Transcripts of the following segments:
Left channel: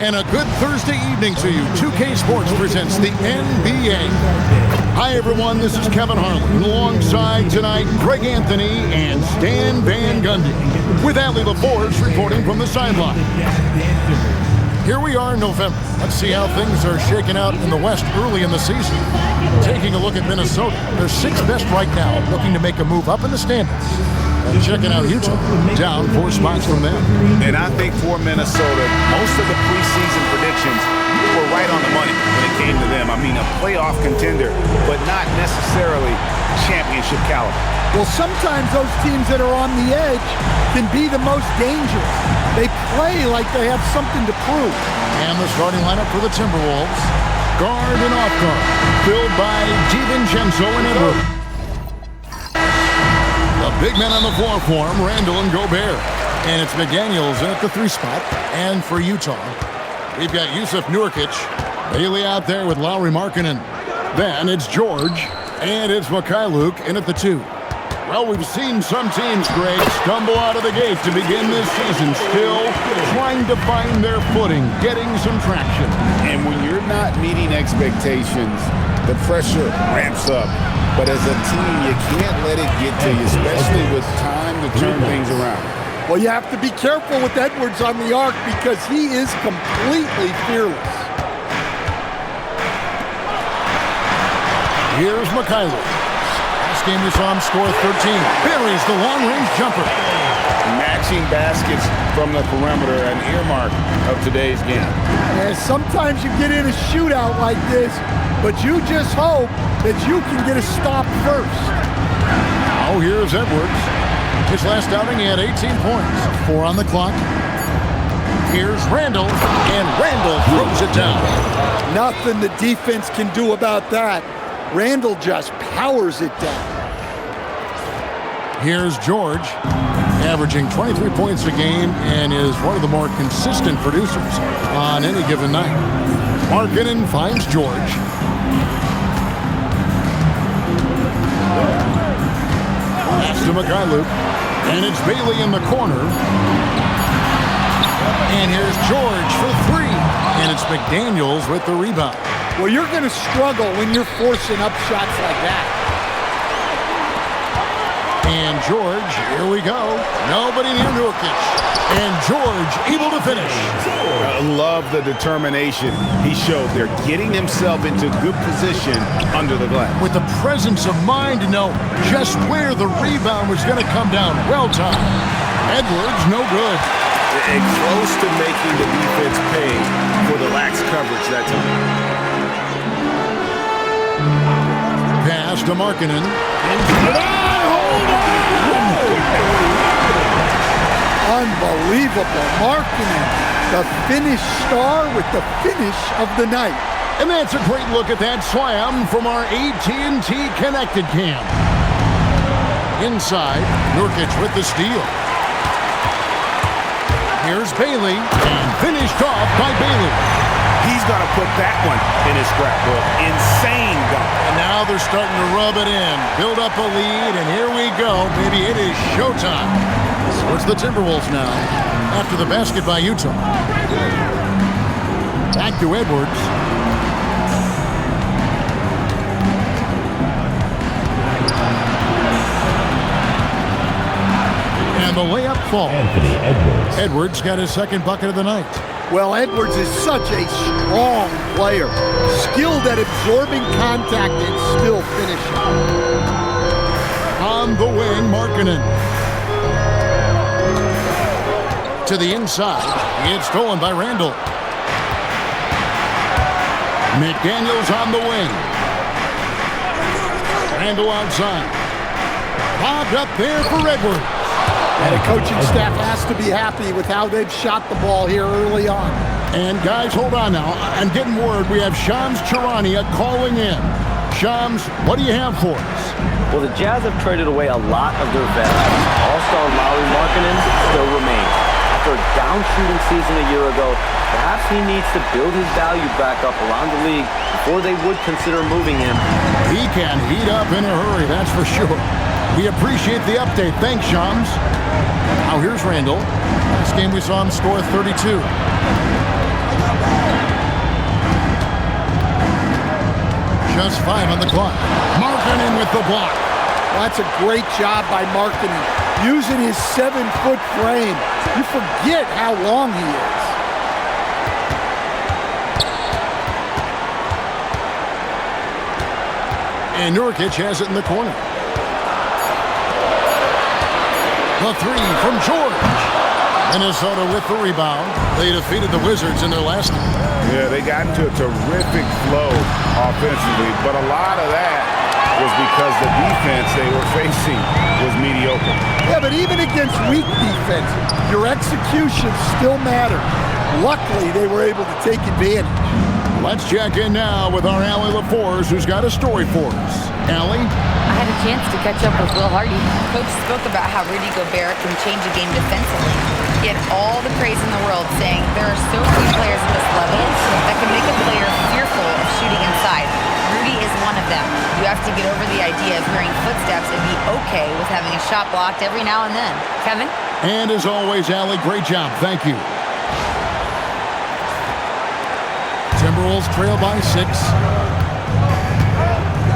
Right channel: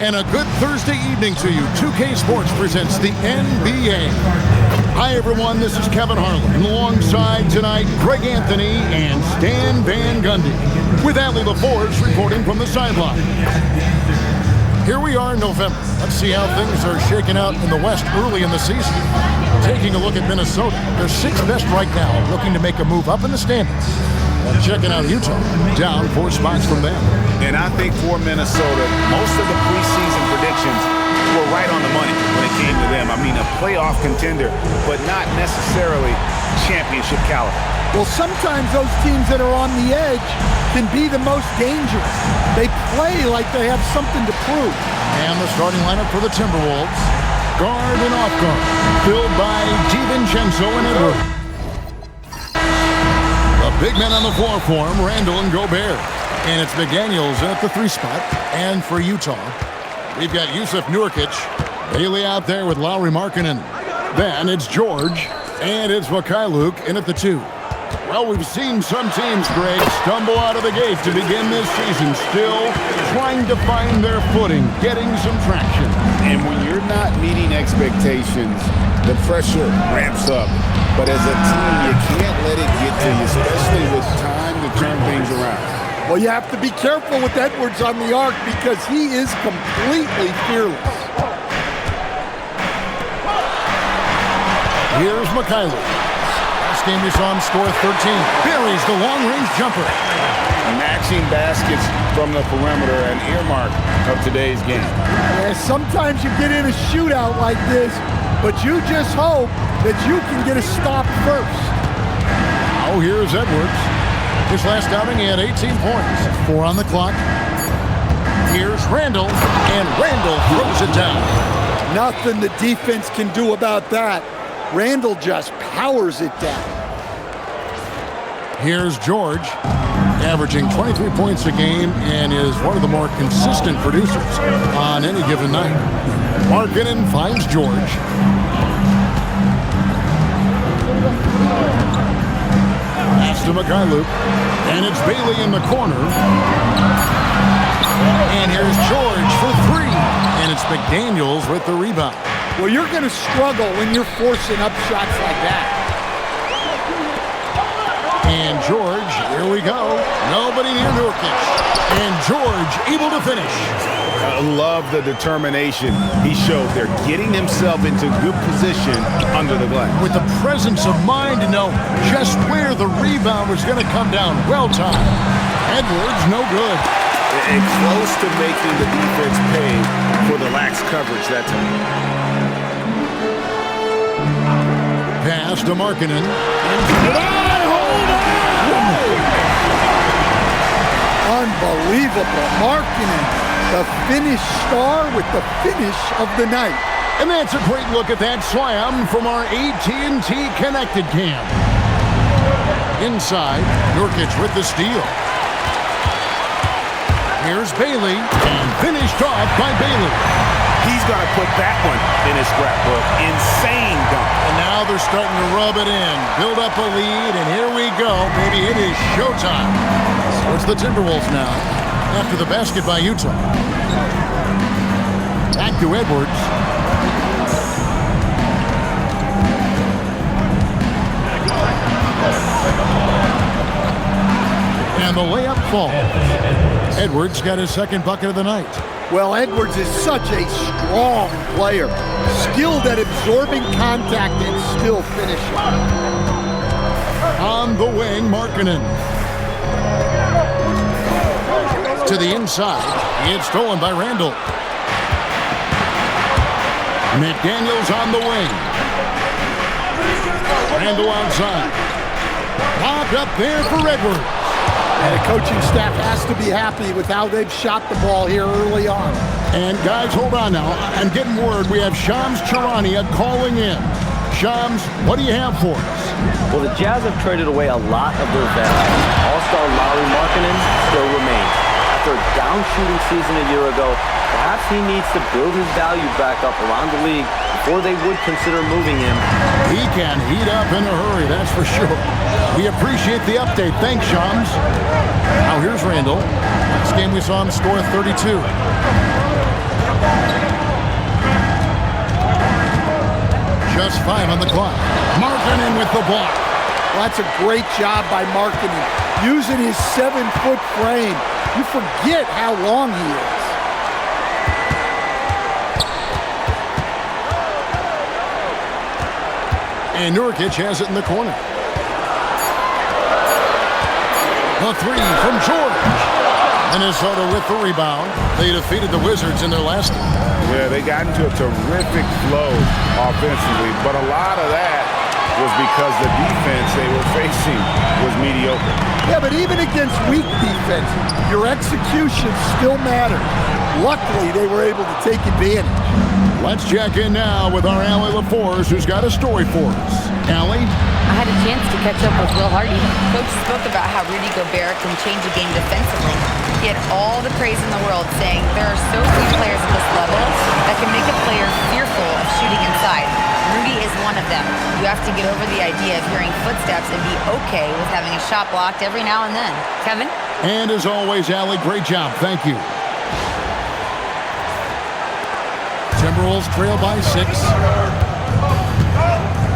And a good Thursday evening to you. 2K Sports presents the NBA. Hi, everyone. This is Kevin Harlan. And alongside tonight, Greg Anthony and Stan Van Gundy. With Allie LaForge reporting from the sideline. Here we are in November. Let's see how things are shaking out in the West early in the season. Taking a look at Minnesota. They're sixth best right now, looking to make a move up in the standings. And checking out Utah, down 4 spots from them. And I think for Minnesota, most of the preseason predictions were right on the money when it came to them. I mean, a playoff contender, but not necessarily championship caliber. Well, sometimes those teams that are on the edge can be the most dangerous. They play like they have something to prove. And the starting lineup for the Timberwolves, guard and off guard, filled by DiVincenzo and Edwards. The big men on the floor for him, Randle and Gobert. And it's McDaniels at the 3 spot. And for Utah, we've got Jusuf Nurkic, Bailey out there with Lauri Markkanen. Then it's George, and it's Mikhailuk in at the 2. Well, we've seen some teams, Greg, stumble out of the gate to begin this season, still trying to find their footing, getting some traction. And when you're not meeting expectations, the pressure ramps up. But as a team, you can't let it get to you, especially with time to turn things around. Well, you have to be careful with Edwards on the arc because he is completely fearless. Here's Mikhailuk. Last game we saw him score 13. Buries the long-range jumper. Matching baskets from the perimeter, an earmark of today's game. Yeah, sometimes you get in a shootout like this, but you just hope that you can get a stop first. Now here's Edwards. His last outing, he had 18 points. 4 on the clock. Here's Randle, and Randle throws it down. Nothing the defense can do about that. Randle just powers it down. Here's George, averaging 23 points a game and is one of the more consistent producers on any given night. Markkanen finds George. Pass to Mikhailuk, and it's Bailey in the corner. And here's George for 3, and it's McDaniels with the rebound. Well, you're going to struggle when you're forcing up shots like that. And George, here we go. Nobody near Nurkic. And George able to finish. I love the determination he showed there, getting himself into good position under the glass. With the presence of mind to know just where the rebound was going to come down. Well timed. Edwards, no good. And close to making the defense pay for the lax coverage that time. Pass to Markkanen. Hold on! Unbelievable. Markkanen, the finish star with the finish of the night. And that's a great look at that slam from our AT&T Connected Cam. Inside, Nurkic with the steal. Here's Bailey, and finished off by Bailey. He's going to put that one in his scrapbook. Insane dunk. And now they're starting to rub it in, build up a lead, and here we go, baby. It is showtime. So it's the Timberwolves now, after the basket by Utah. Back to Edwards. And the layup falls. Edwards got his second bucket of the night. Well, Edwards is such a strong player, skilled at absorbing contact and still finishing. On the wing, Markkanen. To the inside, it's stolen by Randle. McDaniels on the wing. Randle outside. Popped up there for Edwards. And the coaching staff has to be happy with how they've shot the ball here early on. And guys, hold on now. I'm getting word we have Shams Charania calling in. Shams, what do you have for us? Well, the Jazz have traded away a lot of their veterans. All-star Lauri Markkanen still remains. After a down shooting season a year ago, perhaps he needs to build his value back up around the league before they would consider moving him. He can heat up in a hurry, that's for sure. We appreciate the update. Thanks, Shams. Now here's Randle. Last game we saw him score 32. just 5 on the clock. Markkanen with the block. Well, that's a great job by Markkanen. Using his 7-foot frame. You forget how long he is. And Nurkic has it in the corner. The 3 from George. Minnesota with the rebound. They defeated the Wizards in their last game. Yeah, they got into a terrific flow offensively, but a lot of that was because the defense they were facing was mediocre. Yeah, but even against weak defense, your execution still matters. Luckily, they were able to take advantage. Let's check in now with our Allie LaForce, who's got a story for us. Allie? I had a chance to catch up with Will Hardy. Coach spoke about how Rudy Gobert can change a game defensively. He had all the praise in the world, saying there are so few players at this level that can make a player fearful of shooting inside. Rudy is one of them. You have to get over the idea of hearing footsteps and be okay with having a shot blocked every now and then. Kevin? And as always, Allie, great job. Thank you. Timberwolves trail by 6.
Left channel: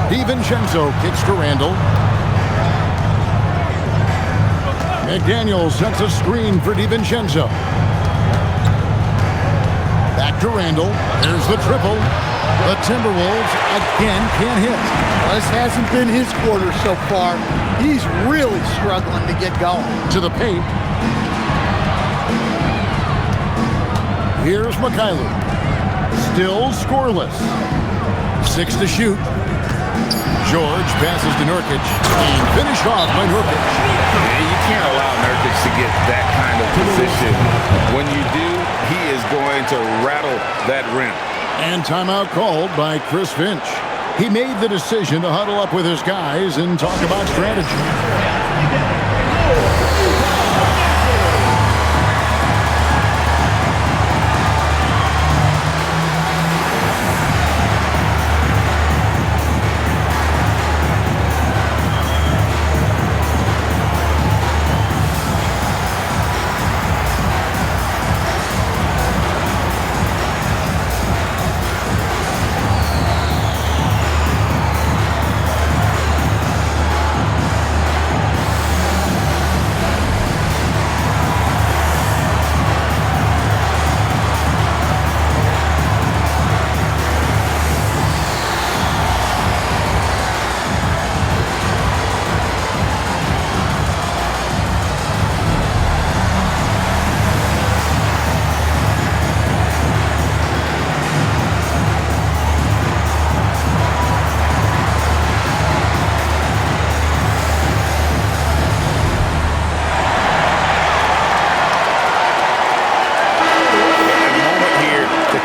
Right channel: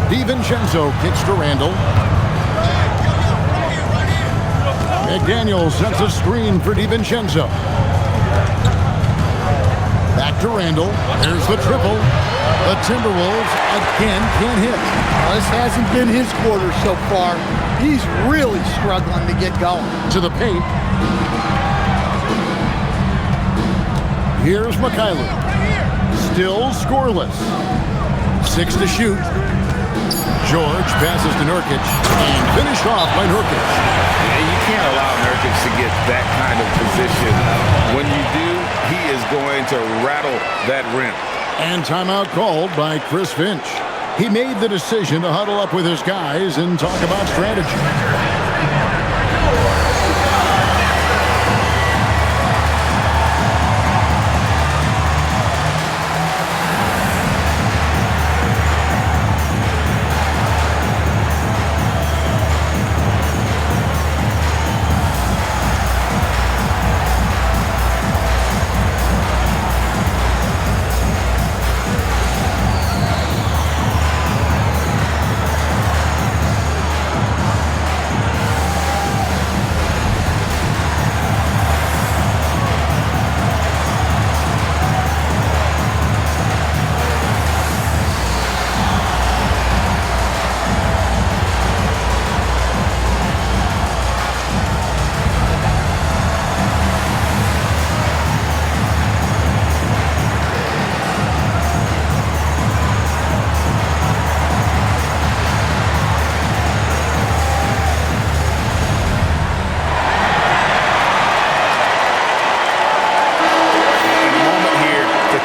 DiVincenzo kicks to Randle. McDaniel sets a screen for DiVincenzo. Back to Randle. There's the triple. The Timberwolves again can't hit. Well, this hasn't been his quarter so far. He's really struggling to get going. To the paint. Here's Mikhailu. Still scoreless. 6 to shoot. George passes to Nurkic and finished off by Nurkic. Yeah, you can't allow Nurkic to get that kind of position. When you do, he is going to rattle that rim. And timeout called by Chris Finch. He made the decision to huddle up with his guys and talk about strategy.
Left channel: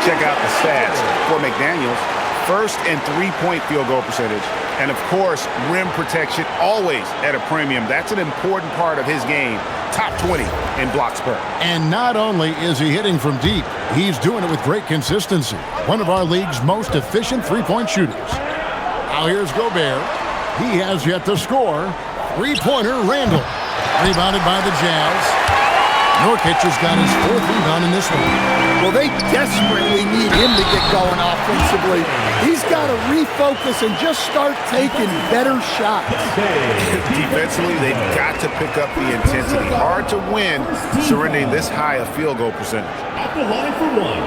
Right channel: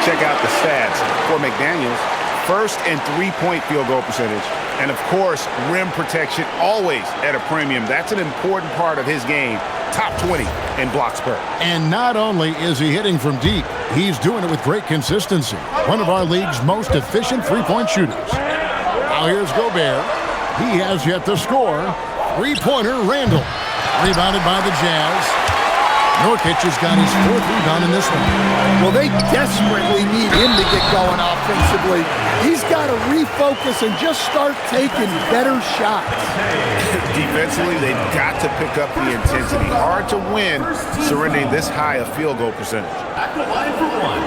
Check out the stats for McDaniels. First and 3-point field goal percentage. And, of course, rim protection always at a premium. That's an important part of his game. Top 20 in blocks per. And not only is he hitting from deep, he's doing it with great consistency. One of our league's most efficient three-point shooters. Now here's Gobert. He has yet to score. Three-pointer, Randle. Rebounded by the Jazz. Nurkic has got his 4th rebound in this one. Well, they desperately need him to get going offensively. He's got to refocus and just start taking better shots. Defensively, they've got to pick up the intensity. Hard to win surrendering this high a field goal percentage. At the line for one,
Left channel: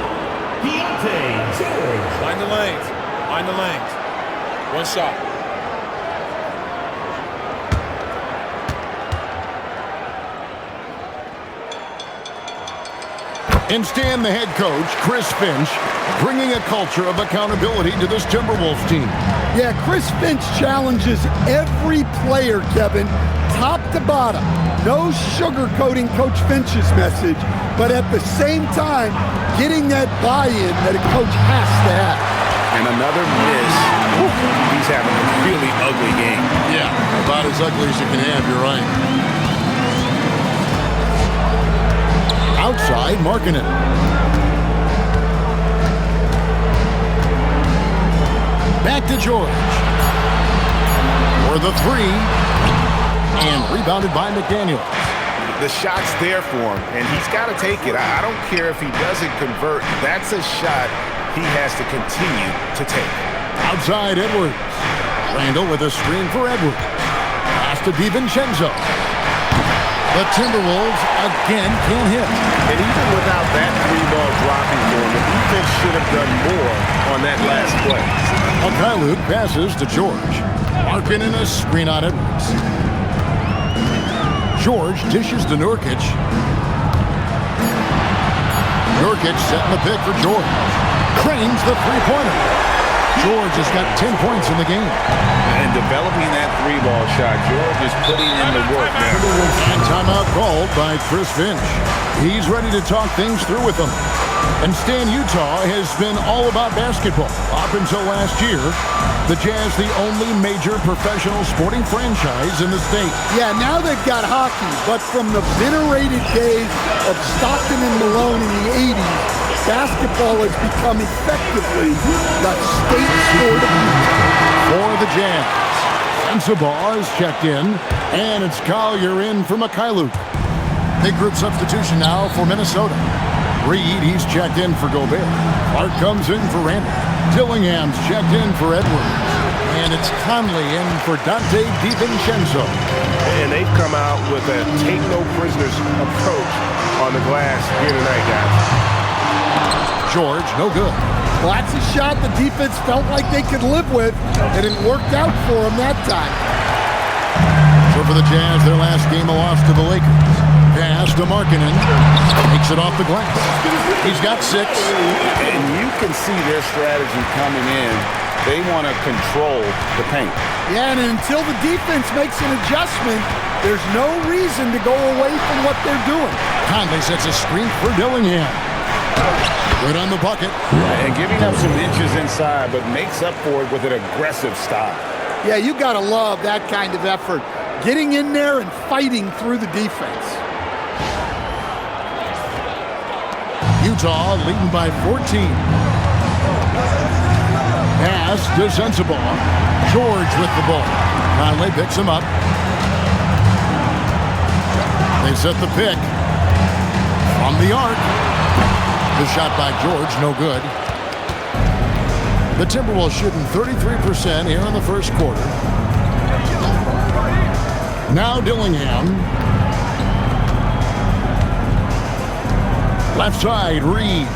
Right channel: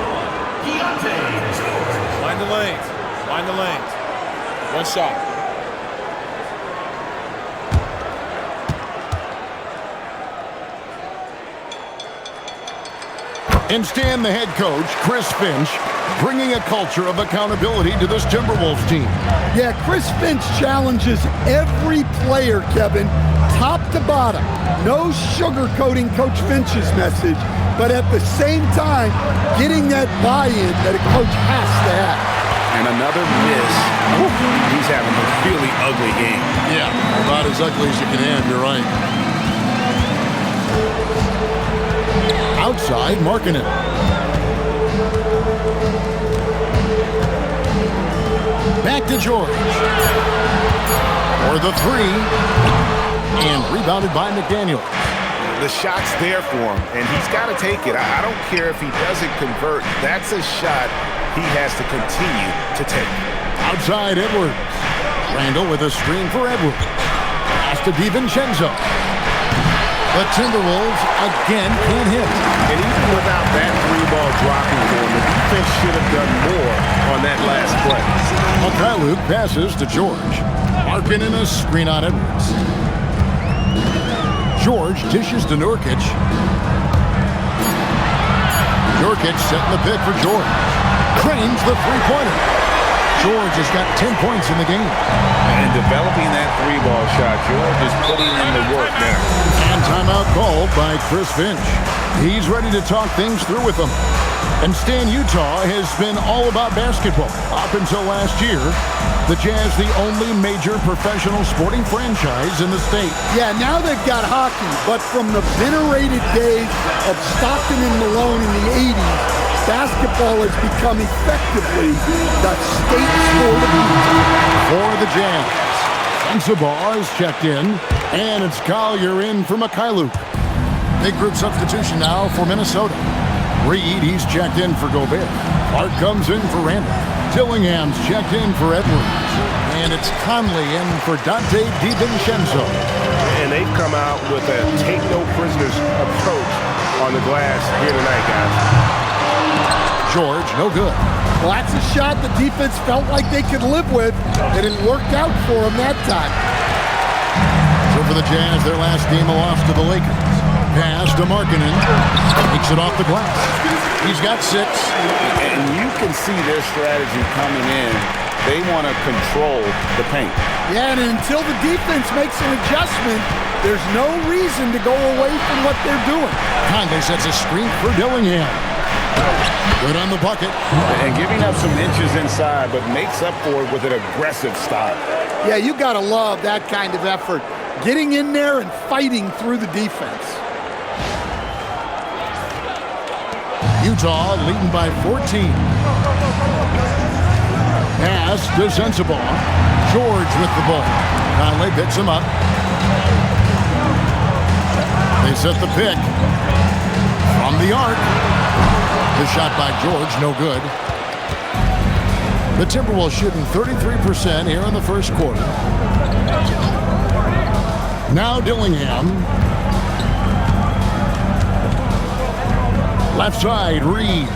Deontay George. Mind the lanes. Mind the lanes. One shot. And Stan, the head coach, Chris Finch, bringing a culture of accountability to this Timberwolves team. Yeah, Chris Finch challenges every player, Kevin, top to bottom. No sugarcoating Coach Finch's message, but at the same time, getting that buy-in that a coach has to have. And another miss. He's having a really ugly game. Yeah, about as ugly as you can have, you're right. Outside, Markkanen. Back to George. For the 3. And rebounded by McDaniel. The shot's there for him, and he's got to take it. I don't care if he doesn't convert. That's a shot he has to continue to take. Outside Edwards. Randle with a screen for Edwards. Pass to DiVincenzo. The Timberwolves again can't hit. And even without that three-ball dropping for him, the defense should have done more on that last play. Luke passes to George. Larkin in a screen on Edwards. George dishes to Nurkic. Nurkic setting the pick for George. Cranes the three-pointer. George has got 10 points in the game. And developing that three-ball shot, George is putting in the work now. And timeout called by Chris Finch. He's ready to talk things through with them. And Stan, Utah has been all about basketball up until last year. The Jazz, the only major professional sporting franchise in the state. Yeah, now they've got hockey, but from the venerated days of Stockton and Malone in the 80s, basketball has become effectively the state sport of Utah. For the Jazz, Sensabaugh is checked in, and it's Collier in for Luke. Big group substitution now for Minnesota. Reed, he's checked in for Gobert. Clark comes in for Randle. Dillingham's checked in for Edwards. And it's Conley in for Dante DiVincenzo. And they've come out with a take-no-prisoners approach on the glass here tonight, guys. George, no good. Well, that's a shot the defense felt like they could live with, and it worked out for them that time. So for the Jazz, their last game a loss to the Lakers. Pass to Markkanen. Takes it off the glass. He's got 6. And you can see their strategy coming in. They want to control the paint. Yeah, and until the defense makes an adjustment, there's no reason to go away from what they're doing. Conley sets a screen for Dillingham. Good on the bucket. And giving up some inches inside, but makes up for it with an aggressive style. Yeah, you got to love that kind of effort. Getting in there and fighting through the defense. Utah leading by 14. Pass to Sensabaugh. George with the ball. Conley picks him up. They set the pick. From the arc. The shot by George, no good. The Timberwolves shooting 33% here in the first quarter. Now Dillingham. Left side, Reed.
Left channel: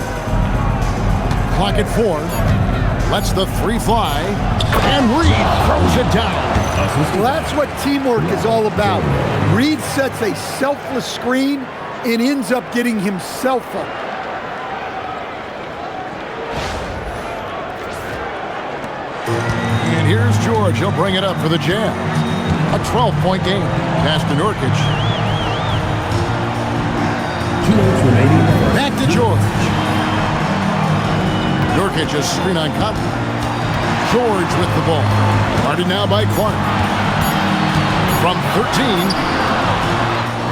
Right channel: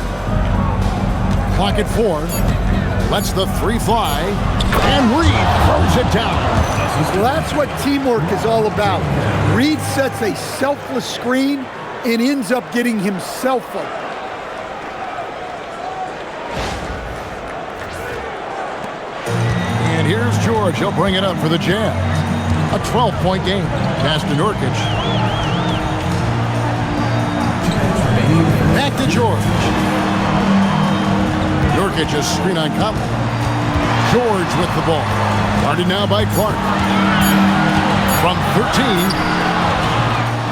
Clock at 4. Lets the 3 fly. And Reed throws it down. Well, that's what teamwork is all about. Reed sets a selfless screen and ends up getting himself open. And here's George. He'll bring it up for the Jazz. A 12-point game. Pass to Nurkic. Back to George. Nurkic a screen on Conley. George with the ball. Guarded now by Clark. From 13.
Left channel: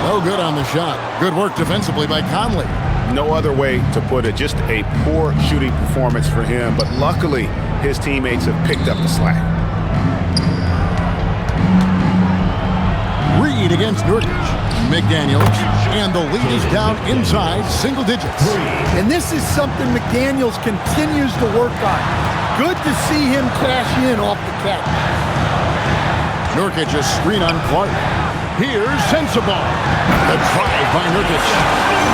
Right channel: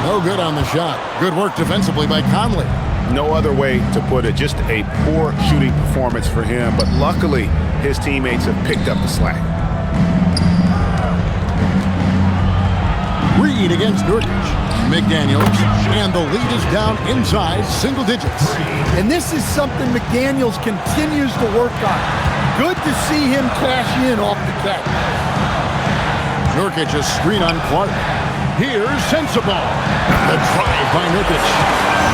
No good on the shot. Good work defensively by Conley. No other way to put it. Just a poor shooting performance for him. But luckily, his teammates have picked up the slack. Reed against Nurkic. McDaniels. And the lead is down inside single digits. And this is something McDaniels continues to work on. Good to see him cash in off the catch. Nurkic a screen on Clark. Here's Sensabaugh. The drive by Nurkic.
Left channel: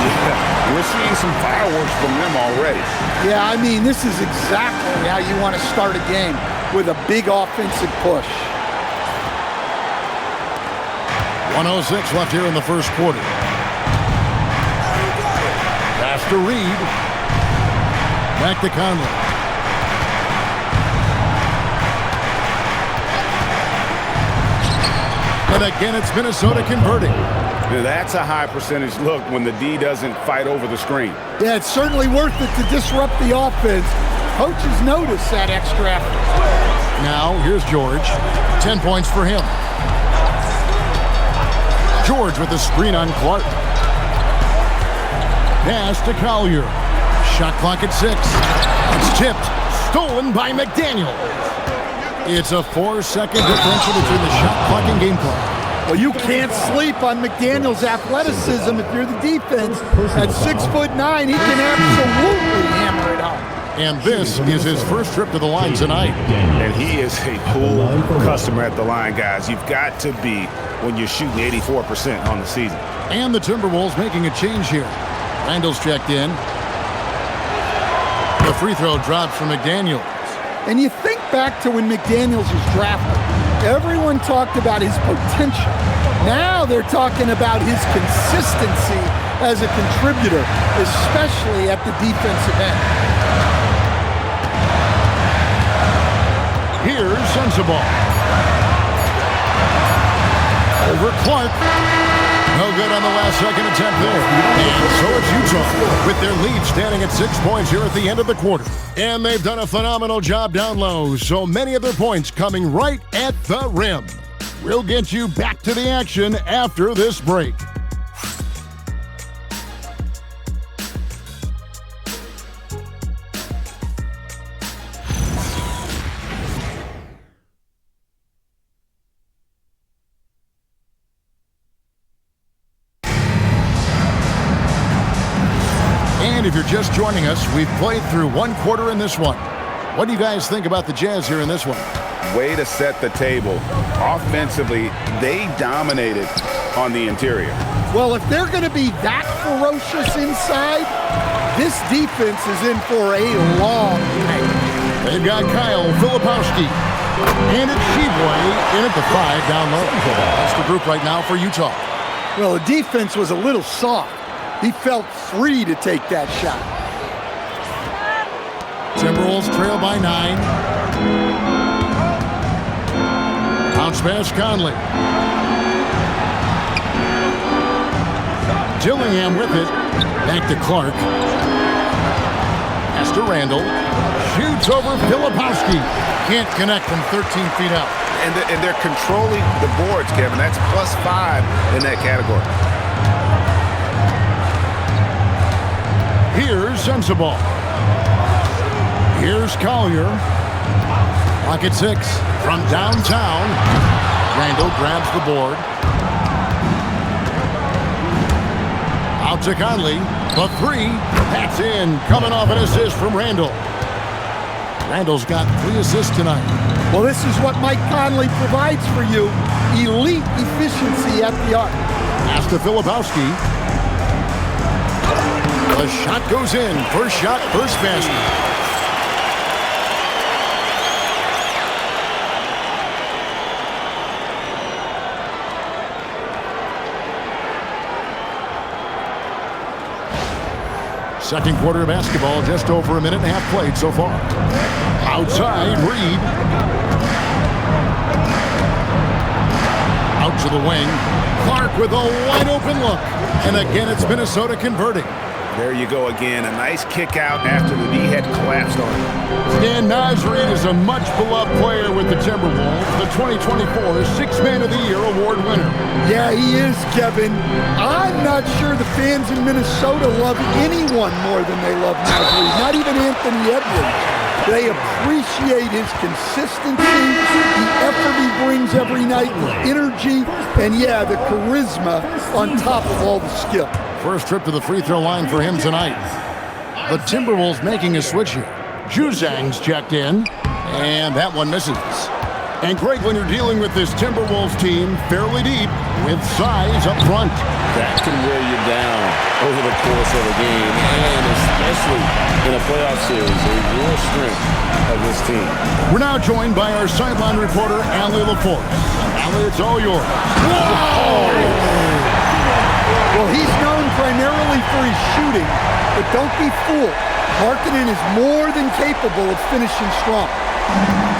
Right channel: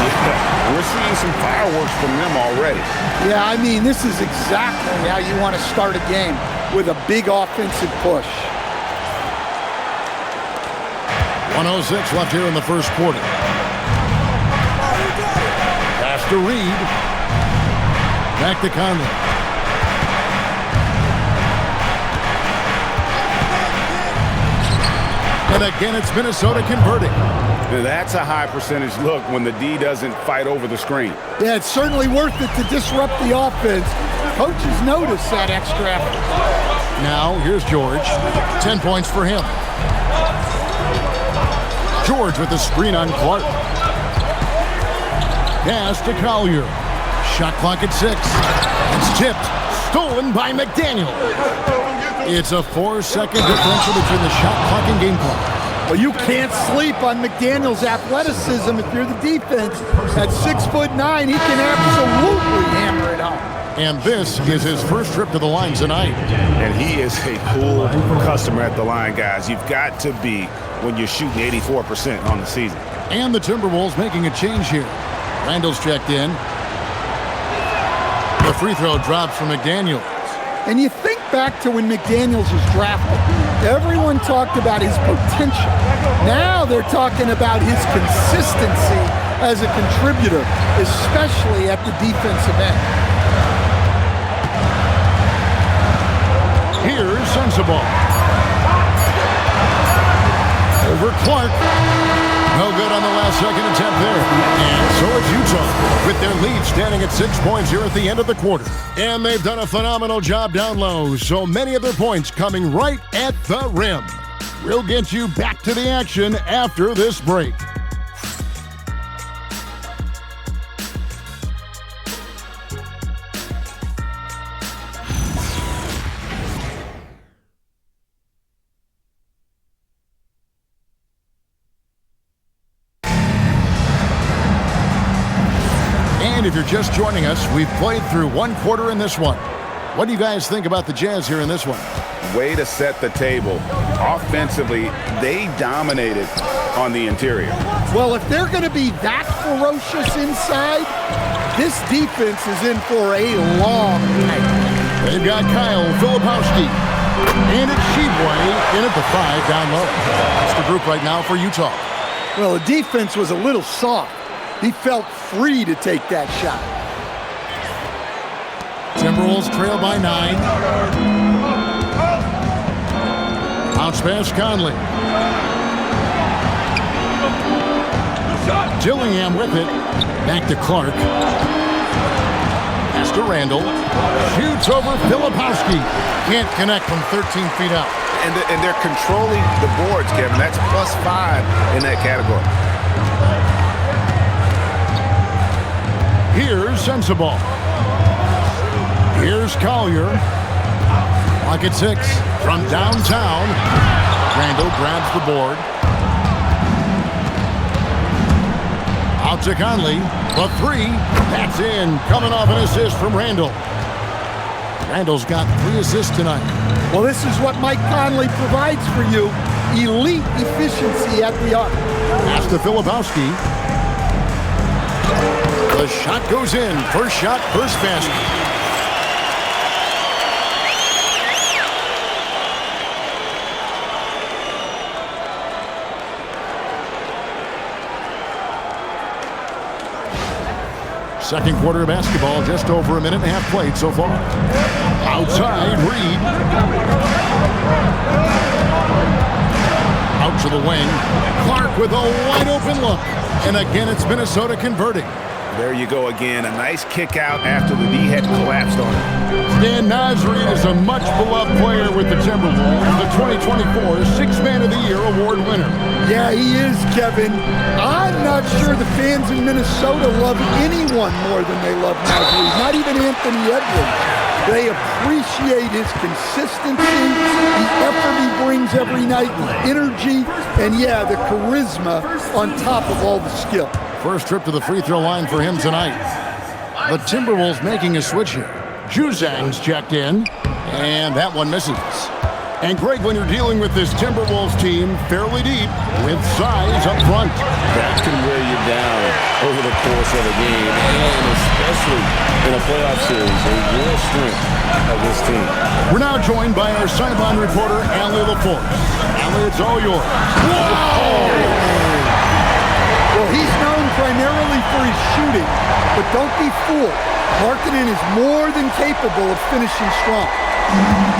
Yeah, we're seeing some fireworks from them already. Yeah, I mean, this is exactly how you want to start a game, with a big offensive push. 1:06 left here in the first quarter. Pass to Reed. Back to Conley. And again, it's Minnesota converting. That's a high percentage look when the D doesn't fight over the screen. Yeah, it's certainly worth it to disrupt the offense. Coaches notice that extra effort. Now, here's George. 10 points for him. George with a screen on Clark. Pass to Collier. Shot clock at 6. It's tipped. Stolen by McDaniel. It's a 4-second differential between the shot clock and game clock. Well, you can't sleep on McDaniel's athleticism if you're the defense. At 6'9", he can absolutely hammer it home. And this is his first trip to the line tonight. And he is a cool customer at the line, guys. You've got to be when you're shooting 84% on the season. And the Timberwolves making a change here. Randle's checked in. The free throw drops from McDaniels. And you think back to when McDaniels was drafted. Everyone talked about his potential. Now they're talking about his consistency as a contributor, especially at the defensive end. Here's Sensabaugh. Over Clark. No good on the last second attempt there. And so it's Utah with their lead standing at 6 points here at the end of the quarter. And they've done a phenomenal job down low. So many of their points coming right at the rim. We'll get you back to the action after this break. And if you're just joining us, we've played through one quarter in this one. What do you guys think about the Jazz here in this one? Way to set the table. Offensively, they dominated on the interior. Well, if they're going to be that ferocious inside, this defense is in for a long night. They've got Kyle Filipowski. And it's Sheboy in at the 5 down low. That's the group right now for Utah. Well, the defense was a little soft. He felt free to take that shot. Timberwolves trail by 9. Bounce pass Conley. Dillingham with it. Back to Clark. Pass to Randle. Shoots over Filipowski. Can't connect from 13 feet out. And they're controlling the boards, Kevin. That's +5 in that category. Here's Sensabaugh. Here's Collier. Clock at 6 from downtown. Randle grabs the board. Out to Conley. The 3. That's in. Coming off an assist from Randle. Randle's got 3 assists tonight. Well, this is what Mike Conley provides for you. Elite efficiency at the arc. Pass to Filipowski. The shot goes in. First shot, first basket. Second quarter of basketball, just over a minute and a half played so far. Outside, Reed. Out to the wing. Clark with a wide open look. And again, it's Minnesota converting. There you go again. A nice kick out after the D had collapsed on him. Dan Nasri is a much-beloved player with the Timberwolves, the 2024 Sixth Man of the Year award winner. Yeah, he is, Kevin. I'm not sure the fans in Minnesota love anyone more than they love Nasri. Not even Anthony Edwards. They appreciate his consistency, the effort he brings every night, the energy, and yeah, the charisma on top of all the skill. First trip to the free throw line for him tonight. The Timberwolves making a switch here. Juzang's checked in, and that one misses. And Greg, when you're dealing with this Timberwolves team fairly deep with size up front, that can wear you down over the course of a game, and especially in a playoff series, a real strength of this team. We're now joined by our sideline reporter, Allie LaForce. Allie, it's all yours. Whoa! Well, he's known primarily for his shooting, but don't be fooled. Markkanen is more than capable of finishing strong.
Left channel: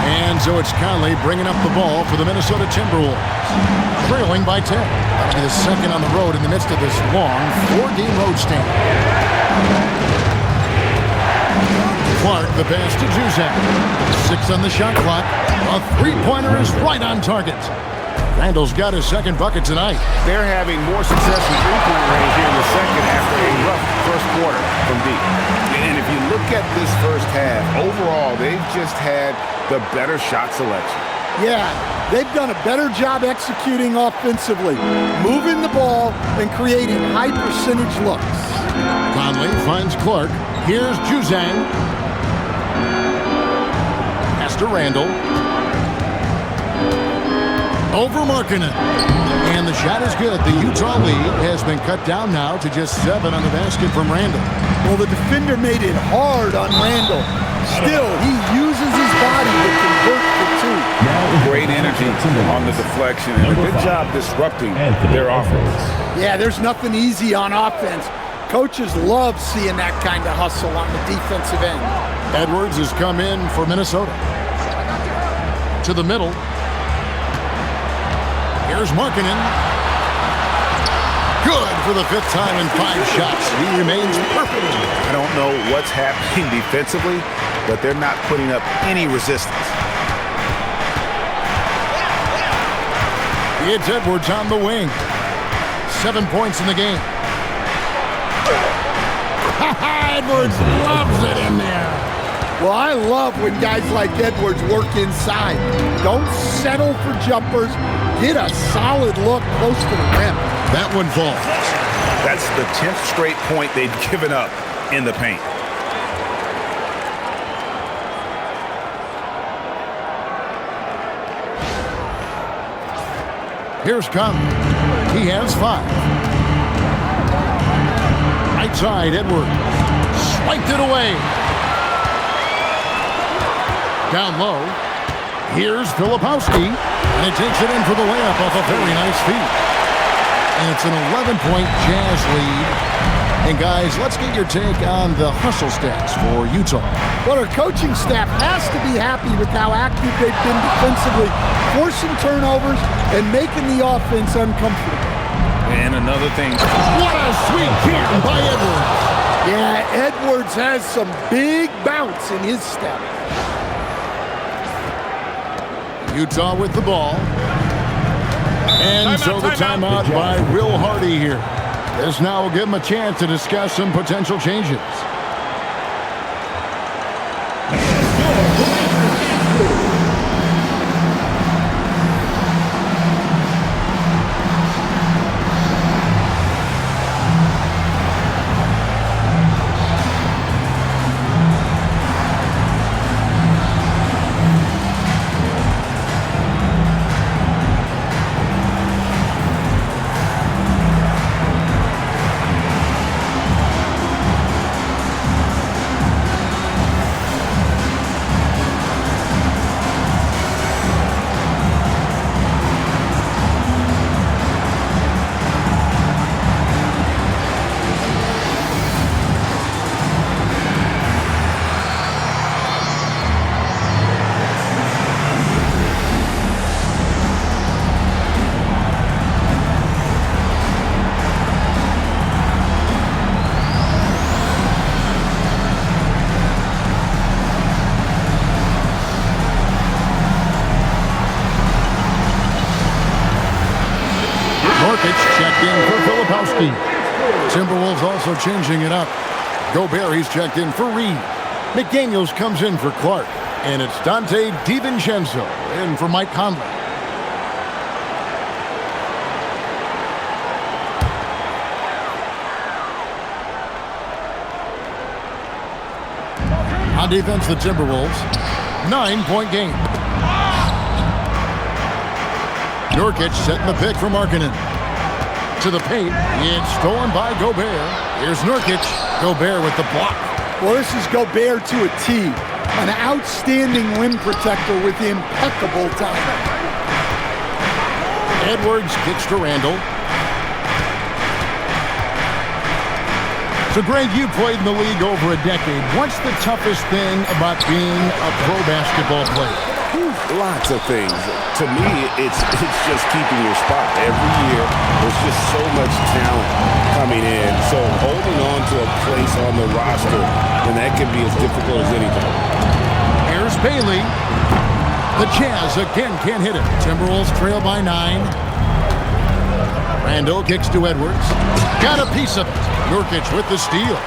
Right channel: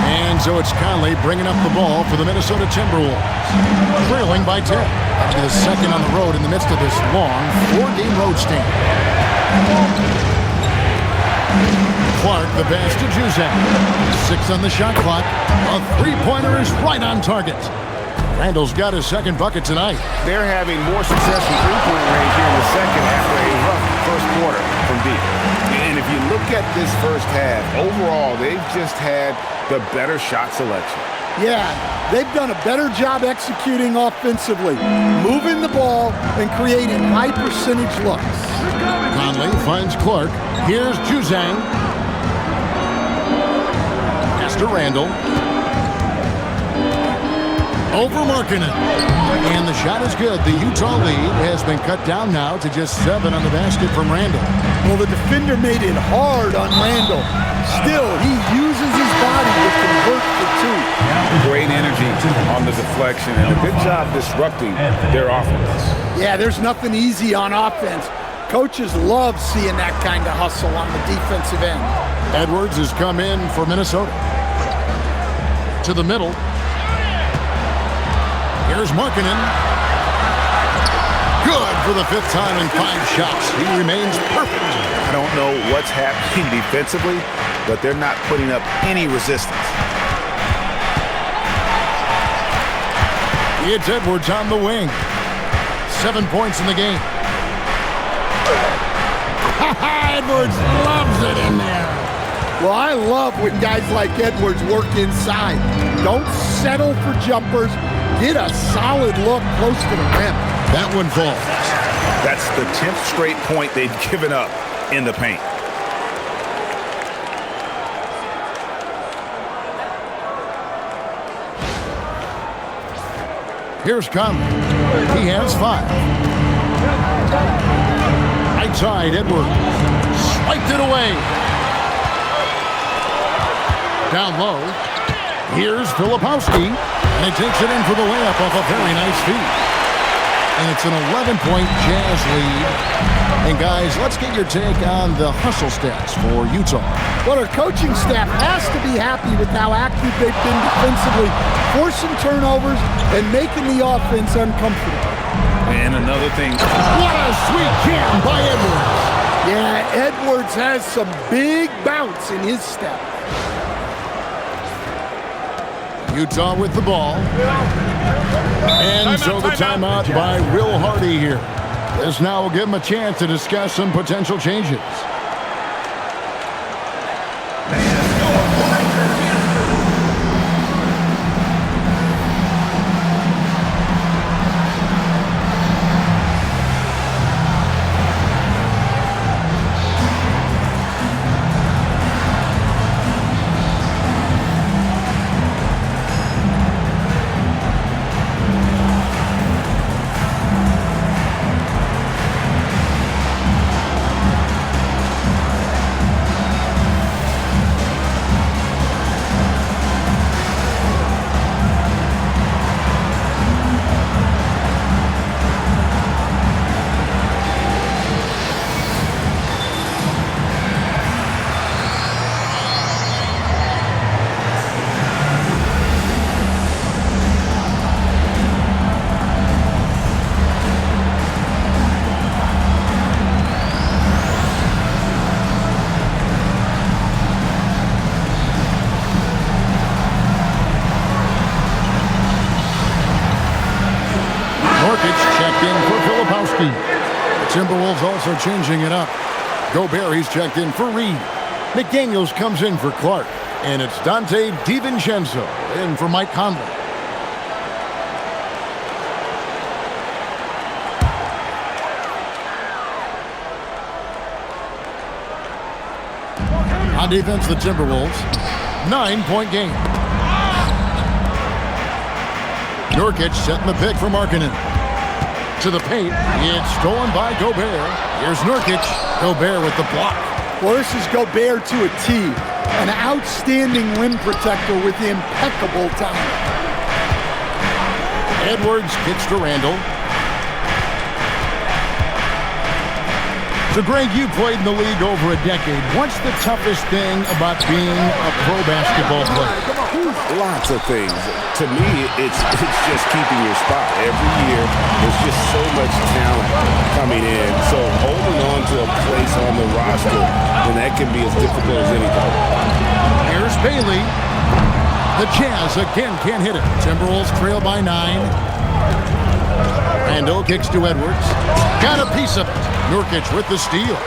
And so it's Conley bringing up the ball for the Minnesota Timberwolves. Trailing by 10. That'll be the second on the road in the midst of this long 4-game road stand. Clark, the pass to Juzang. 6 on the shot clock. A three-pointer is right on target. Randle's got his second bucket tonight. They're having more success from three-point range here in the second after a rough first quarter from deep. And if you look at this first half, overall, they've just had the better shot selection. Yeah, they've done a better job executing offensively, moving the ball and creating high-percentage looks. Conley finds Clark. Here's Juzang. Pass to Randle. Over Markkanen. And the shot is good. The Utah lead has been cut down now to just 7 on the basket from Randle. Well, the defender made it hard on Randle. Still, he uses his body to convert for 2. Great energy on the deflection and a good job disrupting their offense. Yeah, there's nothing easy on offense. Coaches love seeing that kind of hustle on the defensive end. Edwards has come in for Minnesota. To the middle. Here's Markkanen. Good for the 5th time in 5 shots. He remains perfect. I don't know what's happening defensively, but they're not putting up any resistance. It's Edwards on the wing. 7 points in the game. Edwards loves it in there. Well, I love when guys like Edwards work inside. Don't settle for jumpers. Get a solid look close to the rim. That one falls. That's the 10th straight point they've given up in the paint. Here's Conley. He has 5. Right side, Edwards. Swiped it away. Down low. Here's Filipowski. And he takes it in for the layup off a very nice feed. And it's an 11-point Jazz lead. And guys, let's get your take on the hustle stats for Utah. Well, our coaching staff has to be happy with how active they've been defensively, forcing turnovers and making the offense uncomfortable. And another thing. What a sweet jam by Edwards. Yeah, Edwards has some big bounce in his step. Utah with the ball. And so the timeout by Will Hardy here. This now will give him a chance to discuss some potential changes. Checked in for Filipowski. Timberwolves also changing it up. Gobert, he's checked in for Reed. McDaniels comes in for Clark. And it's Dante DiVincenzo in for Mike Conley. On defense, the Timberwolves. 9-point game. Nurkic setting the pick for Markkanen. To the paint. It's stolen by Gobert. Here's Nurkic. Gobert with the block. Well, this is Gobert to a T. An outstanding rim protector with impeccable timing. Edwards kicks to Randle. So, Greg, you played in the league over a decade. What's the toughest thing about being a pro basketball player? Lots of things. To me, it's just keeping your spot. Every year, there's just so much talent coming in. So holding on to a place on the roster, then that can be as difficult as anything. Here's Bailey. The Jazz again can't hit it. Timberwolves trail by 9. Randle kicks to Edwards. Got a piece of it. Nurkic with the steal.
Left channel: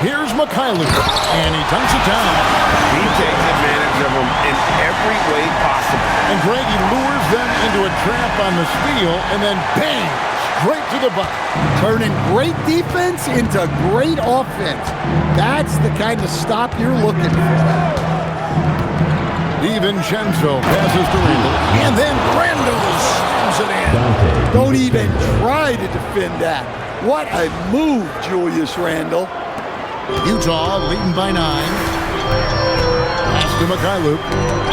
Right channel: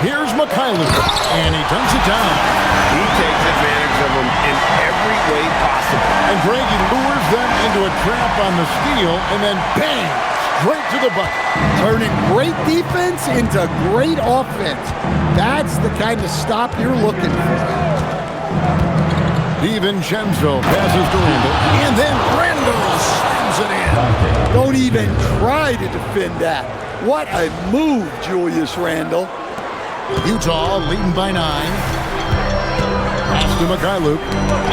Here's Mikhailuk, and he dunks it down. He takes advantage of them in every way possible. And Greg, he lures them into a trap on the steal, and then bang, straight to the bucket. Turning great defense into great offense. That's the kind of stop you're looking for. DiVincenzo passes to Randle, and then Randle slams it in. Don't even try to defend that. What a move, Julius Randle. Utah leading by 9. Pass to Mikhailuk,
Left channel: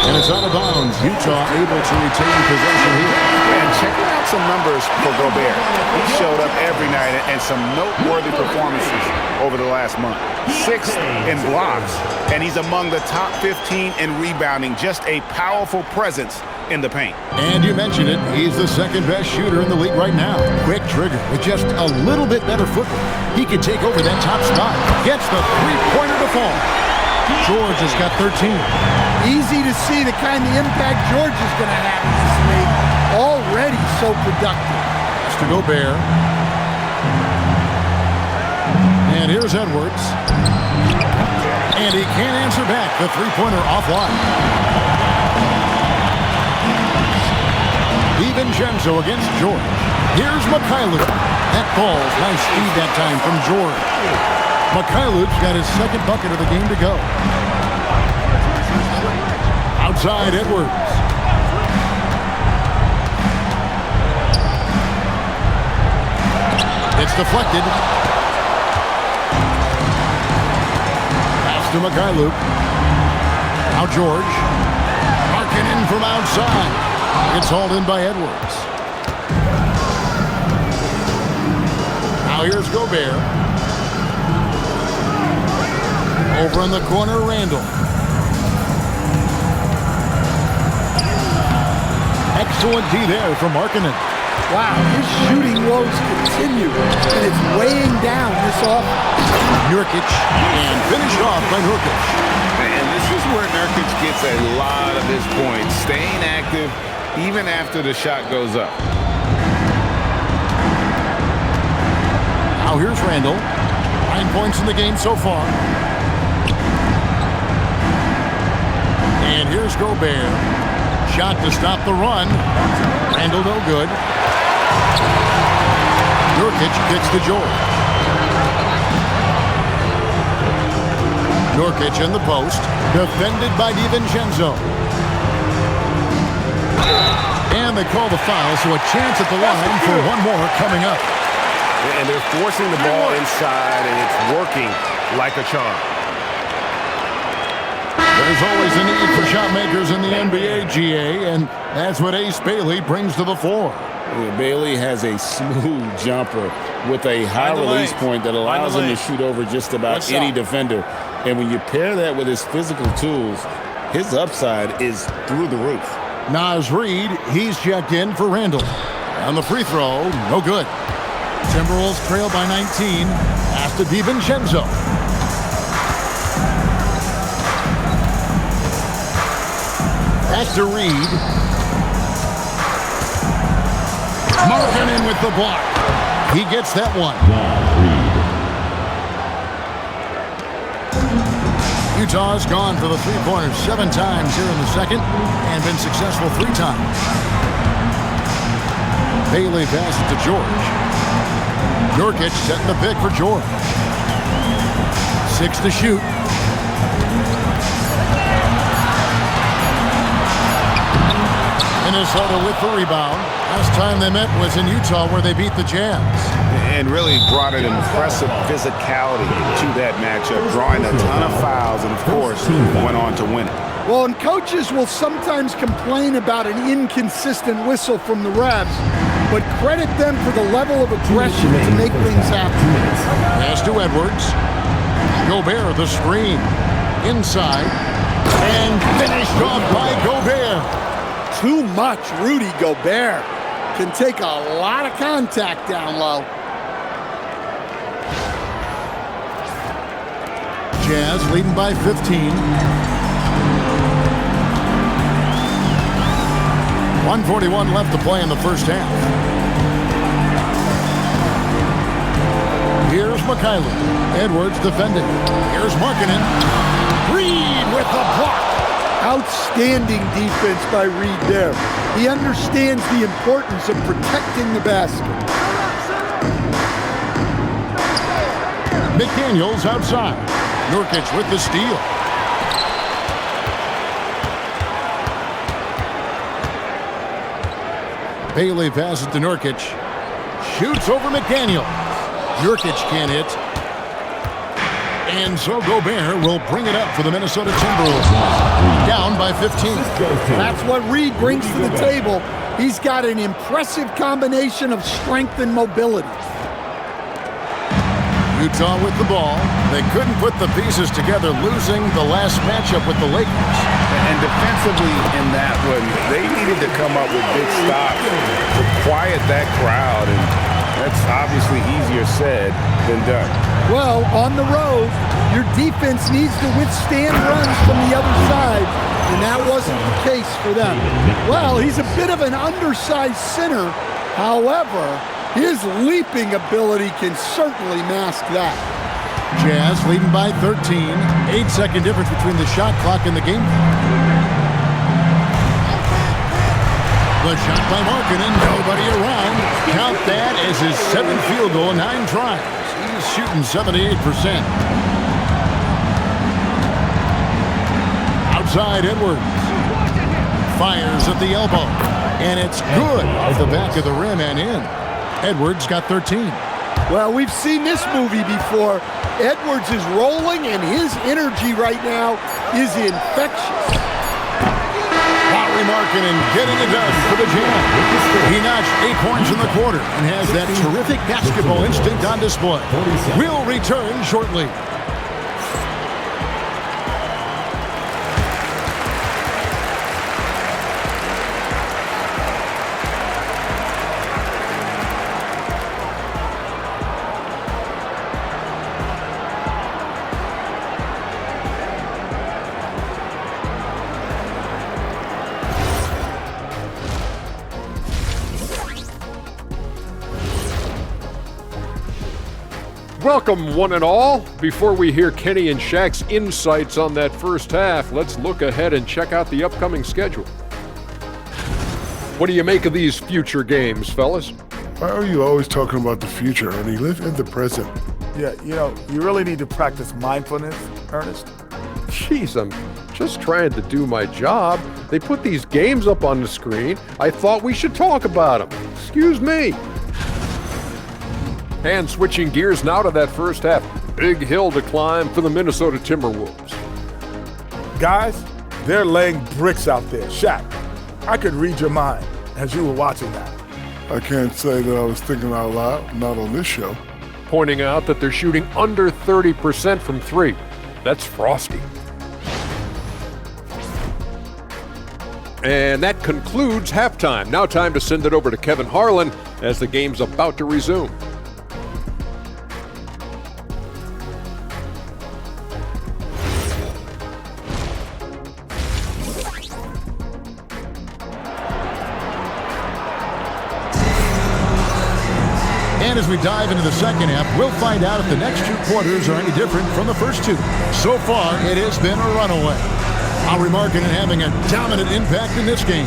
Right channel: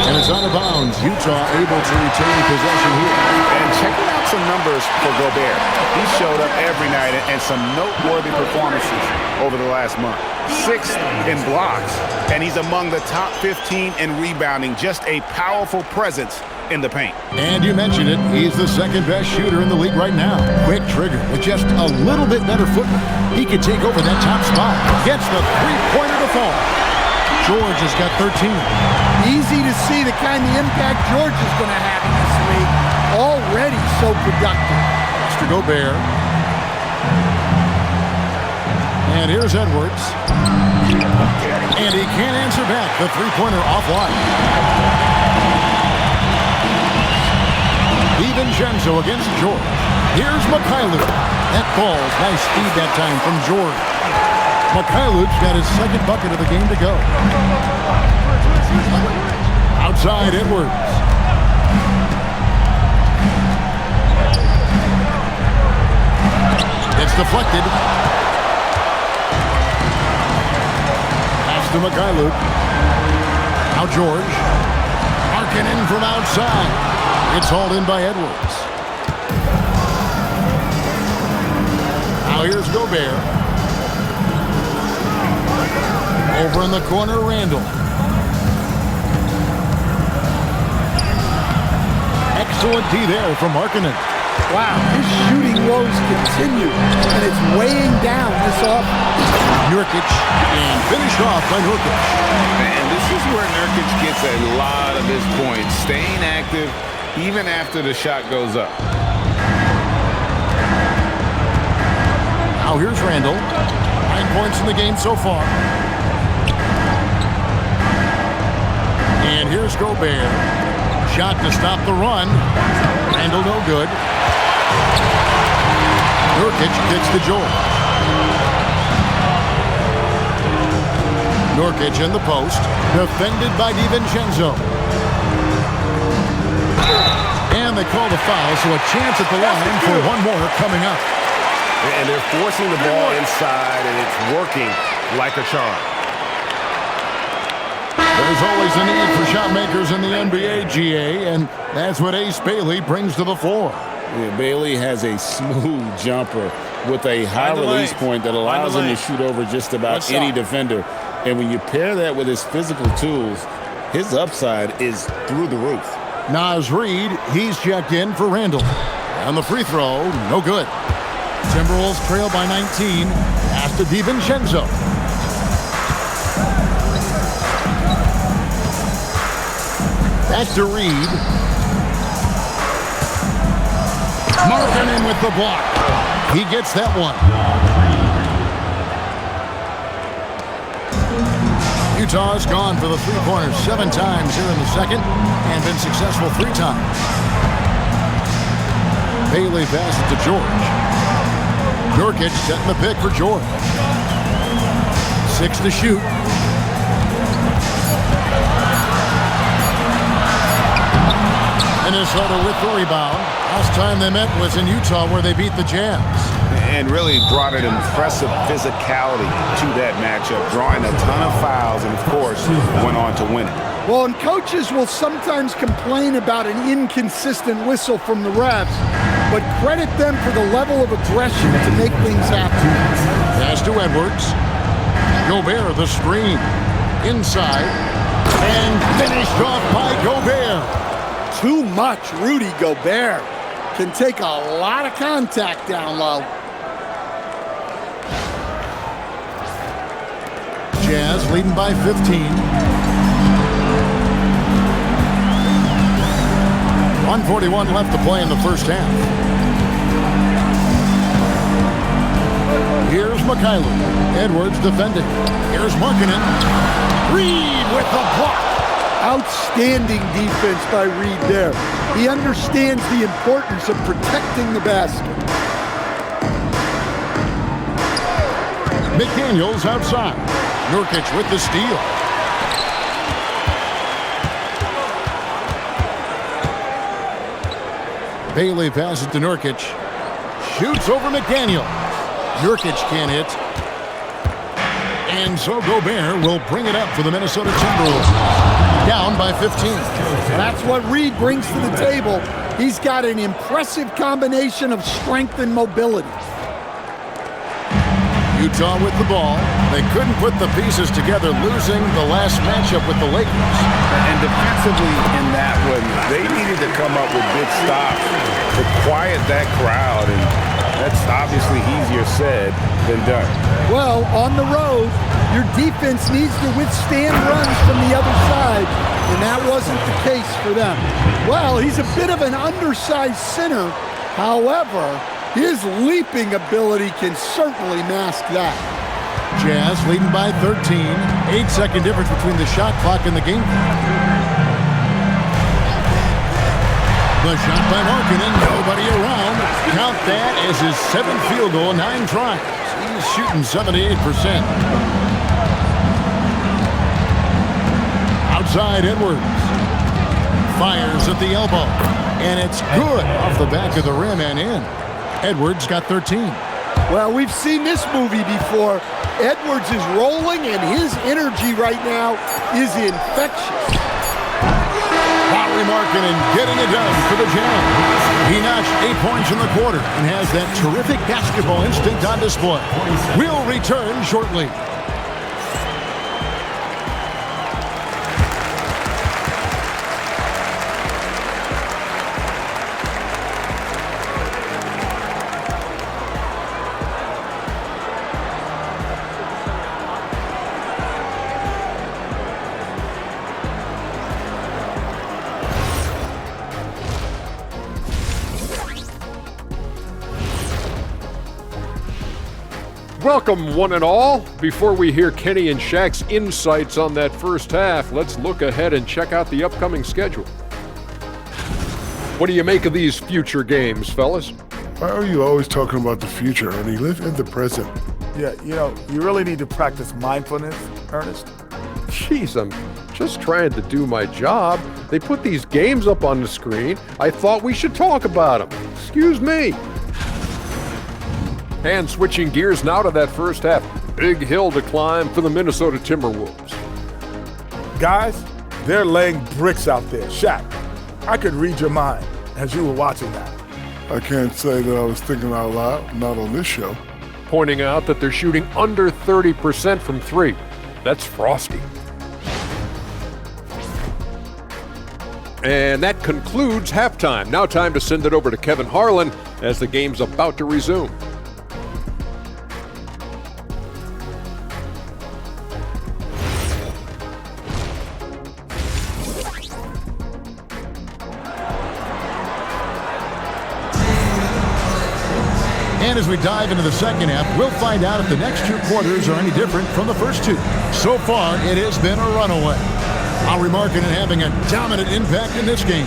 and it's out of bounds. Utah able to retain possession here. And checking out some numbers for Gobert. He showed up every night and some noteworthy performances over the last month. 6th in blocks, and he's among the top 15 in rebounding. Just a powerful presence in the paint. And you mentioned it, he's the second best shooter in the league right now. Quick trigger with just a little bit better footwork. He could take over that top spot. Gets the three-pointer to fall. George has got 13. Easy to see the kind of impact George is going to have in this league. Already so productive. Pass to Gobert. And here's Edwards. And he can't answer back. The three-pointer offline. DiVincenzo against George. Here's Mikhailuk. That falls. Nice speed that time from George. Mikhailuk's got his second bucket of the game to go. Outside Edwards. It's deflected. Pass to Mikhailuk. Now George. Marking in from outside. It's hauled in by Edwards. Now here's Gobert. Over in the corner, Randle. Excellent D there from Markkanen. Wow, his shooting woes continue, and it's weighing down this offense. Nurkic, and finished off by Nurkic. And this is where Nurkic gets a lot of his points, staying active even after the shot goes up. Now here's Randle. 9 points in the game so far. And here's Gobert. Shot to stop the run. Randle no good. Nurkic kicks to George. Nurkic in the post. Defended by DiVincenzo. And they call the foul, so a chance at the line for one more coming up. And they're forcing the ball inside, and it's working like a charm. There's always a need for shot makers in the NBA, GA, and that's what Ace Bailey brings to the floor. Yeah, Bailey has a smooth jumper with a high release point that allows him to shoot over just about any defender. And when you pair that with his physical tools, his upside is through the roof. Naz Reid, he's checked in for Randle. On the free throw, no good. Timberwolves trail by 19. Pass to DiVincenzo. Back to Reid. Markkanen with the block. He gets that one. Utah's gone for the three-pointers 7 times here in the second and been successful 3 times. Bailey passes to George. Nurkic setting the pick for George. 6 to shoot. Minnesota with the rebound. Last time they met was in Utah where they beat the Jazz. And really brought an impressive physicality to that matchup, drawing a ton of fouls and, of course, went on to win it. Well, and coaches will sometimes complain about an inconsistent whistle from the refs, but credit them for the level of aggression to make things happen. Pass to Edwards. Gobert the screen. Inside. And finished off by Gobert. Too much Rudy Gobert. Can take a lot of contact down low. Jazz leading by 15. 1:41 left to play in the first half. Here's Mikhailuk. Edwards defending. Here's Markkanen. Reid with the block. Outstanding defense by Reid there. He understands the importance of protecting the basket. McDaniels outside. Nurkic with the steal. Bailey passes to Nurkic. Shoots over McDaniel. Nurkic can't hit. And so Gobert will bring it up for the Minnesota Timberwolves. Down by 15. That's what Reed brings to the table. He's got an impressive combination of strength and mobility. Utah with the ball. They couldn't put the pieces together, losing the last matchup with the Lakers. And defensively in that one, they needed to come up with big stops to quiet that crowd, and that's obviously easier said than done. Well, on the road, your defense needs to withstand runs from the other side, and that wasn't the case for them. Well, he's a bit of an undersized center. However, his leaping ability can certainly mask that. Jazz leading by 13. 8-second difference between the shot clock and the game clock. The shot by Markkanen, nobody around. Count that as his 7th field goal, 9 tries. He's shooting 78%. Outside Edwards. Fires at the elbow. And it's good off the back of the rim and in. Edwards got 13. Well, we've seen this movie before. Edwards is rolling, and his energy right now is infectious. Lauri Markkanen getting it done for the Jazz. He notched 8 points in the quarter and has that terrific basketball instinct on display. We'll return shortly. Welcome, one and all. Before we hear Kenny and Shaq's insights on that first half, let's look ahead and check out the upcoming schedule. What do you make of these future games, fellas? Why are you always talking about the future, Ernie? Live in the present. Yeah, you really need to practice mindfulness, Ernest. Jeez, I'm just trying to do my job. They put these games up on the screen. I thought we should talk about them. Excuse me. And switching gears now to that first half. Big hill to climb for the Minnesota Timberwolves. Guys, they're laying bricks out there. Shaq, I could read your mind as you were watching that. I can't say that I was thinking out loud, not on this show. Pointing out that they're shooting under 30% from three. That's frosty. And that concludes halftime. Now time to send it over to Kevin Harlan as the game's about to resume. And as we dive into the second half, we'll find out if the next 2 quarters are any different from the first 2. So far, it has been a runaway. Lauri Markkanen having a dominant impact in this game.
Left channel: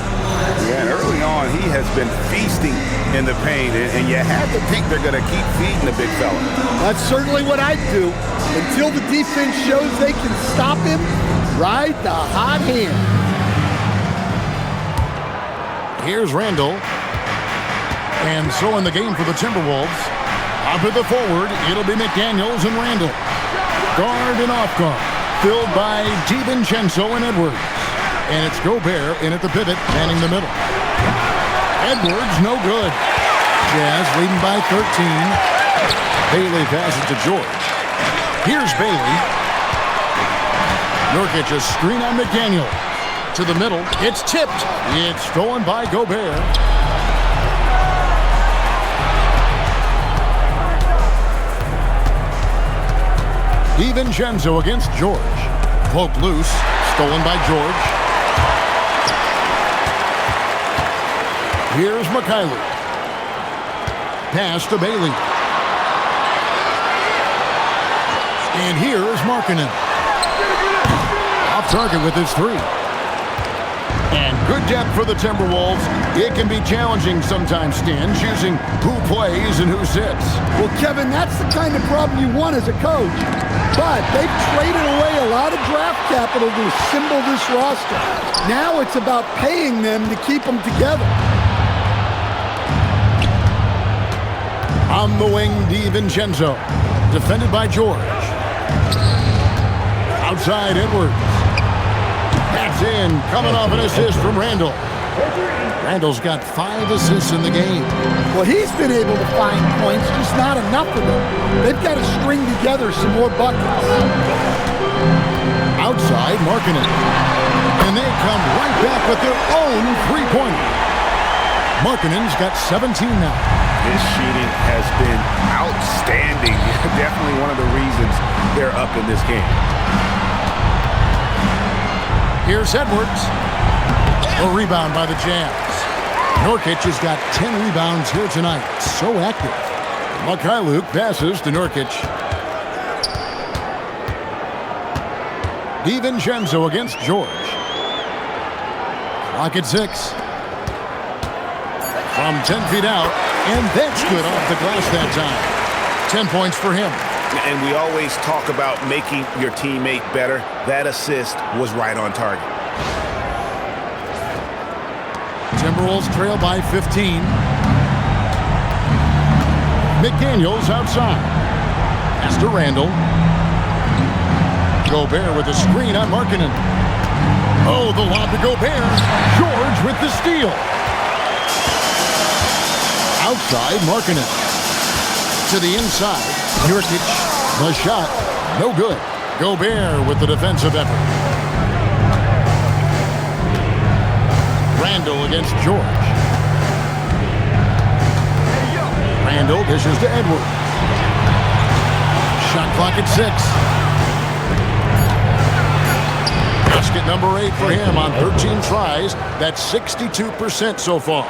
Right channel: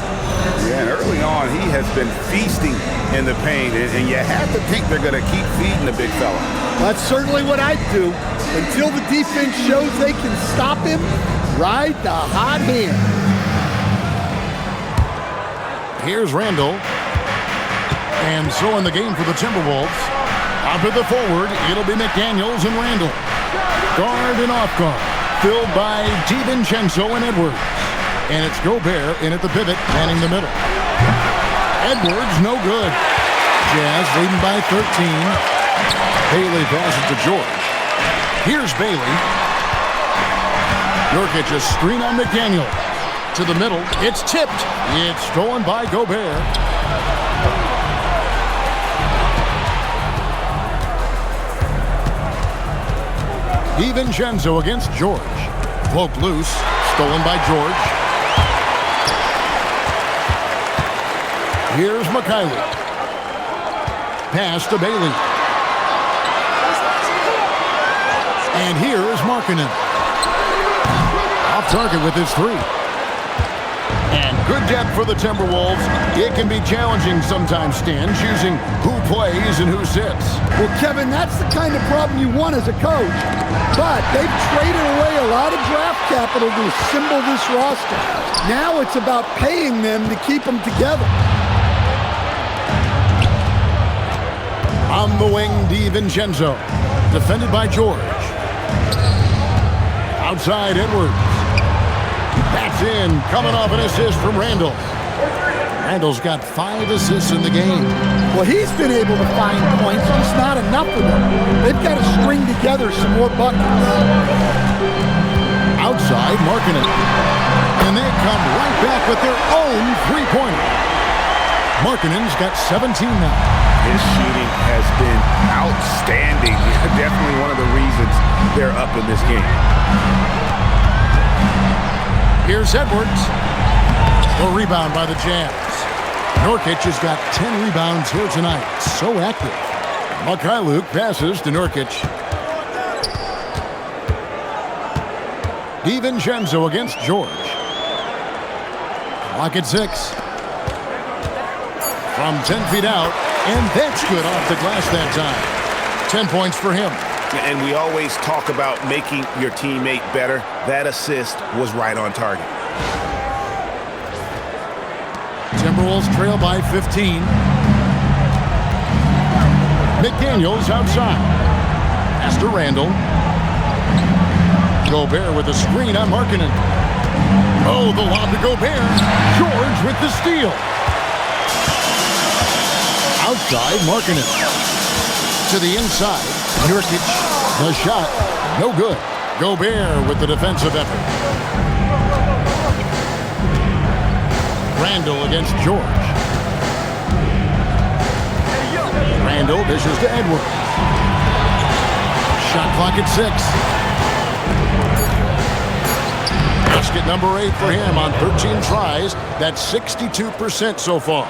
Yeah, and early on, he has been feasting in the paint, and you have to think they're going to keep feeding the big fella. That's certainly what I'd do. Until the defense shows they can stop him, ride the hot hand. Here's Randle. And so in the game for the Timberwolves, up at the forward, it'll be McDaniels and Randle. Guard and off guard, filled by DiVincenzo and Edwards. And it's Gobert in at the pivot, manning the middle. Edwards, no good. Jazz leading by 13. Bailey passes to George. Here's Bailey. Nurkic, a screen on McDaniel. To the middle, it's tipped. It's stolen by Gobert. DiVincenzo against George. Poked loose, stolen by George. Here's McKinley. Pass to Bailey. And here is Markkanen. Off target with his 3. And good depth for the Timberwolves. It can be challenging sometimes, Stan, choosing who plays and who sits. Well, Kevin, that's the kind of problem you want as a coach. But they've traded away a lot of draft capital to assemble this roster. Now it's about paying them to keep them together. On the wing, DiVincenzo. Defended by George. Outside, Edwards. That's in. Coming off an assist from Randle. Randle's got 5 assists in the game. Well, he's been able to find points, just not enough of them. They've got to string together some more buckets. Outside, Markkanen. And they come right back with their own three-pointer. Markkanen's got 17 now. His shooting has been outstanding. Definitely one of the reasons they're up in this game. Here's Edwards. A rebound by the Jazz. Nurkic has got 10 rebounds here tonight. So active. Mikhailuk passes to Nurkic. DiVincenzo against George. Clock at 6. From 10 feet out, and that's good off the glass that time. 10 points for him. And we always talk about making your teammate better. That assist was right on target. Timberwolves trail by 15. McDaniels outside. Pass to Randle. Gobert with a screen on Markkanen. Oh, the lob to Gobert. George with the steal. Outside, Markkanen. To the inside, Nurkic. The shot, no good. Gobert with the defensive effort. Randle against George. Randle dishes to Edwards. Shot clock at 6. Basket number 8 for him on 13 tries. That's 62% so far.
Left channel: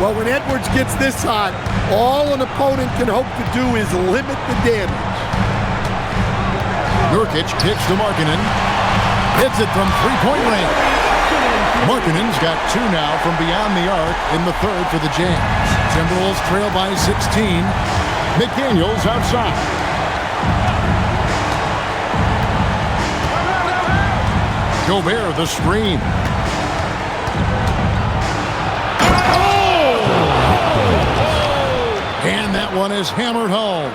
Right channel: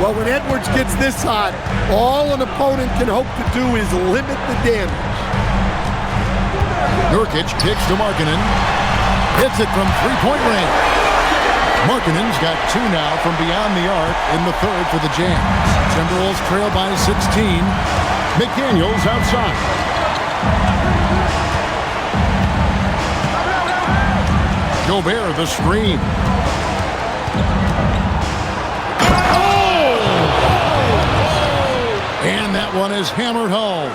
Well, when Edwards gets this hot, all an opponent can hope to do is limit the damage. Nurkic kicks to Markkanen. Hits it from three-point range. Markkanen's got 2 now from beyond the arc in the third for the Jazz. Timberwolves trail by 16. McDaniels outside. Gobert the screen. Oh! And that one is hammered home.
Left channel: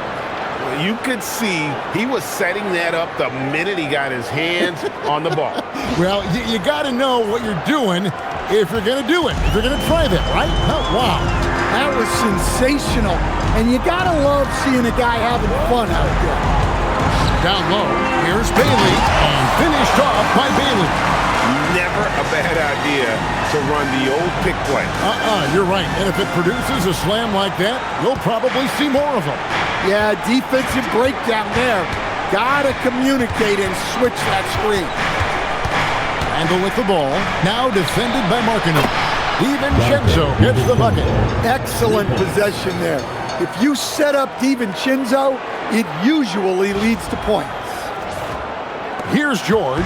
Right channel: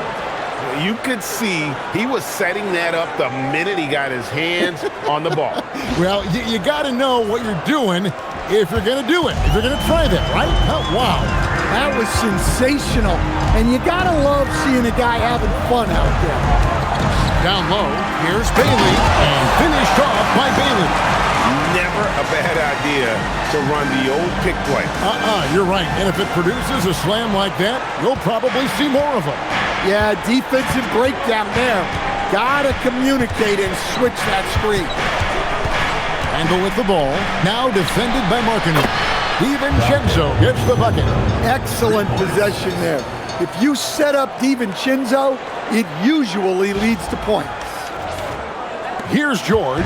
You could see he was setting that up the minute he got his hands on the ball. Well, you got to know what you're doing if you're going to do it, if you're going to try that, right? Oh, wow. That was sensational. And you got to love seeing a guy having fun out there. Down low, here's Bailey, and finished off by Bailey. Never a bad idea to run the old pick play. You're right. And if it produces a slam like that, you'll probably see more of them. Yeah, defensive breakdown there. Gotta communicate and switch that screen. Randle with the ball. Now defended by Markkanen. DiVincenzo gets the bucket. Excellent possession there. If you set up DiVincenzo, it usually leads to points. Here's George.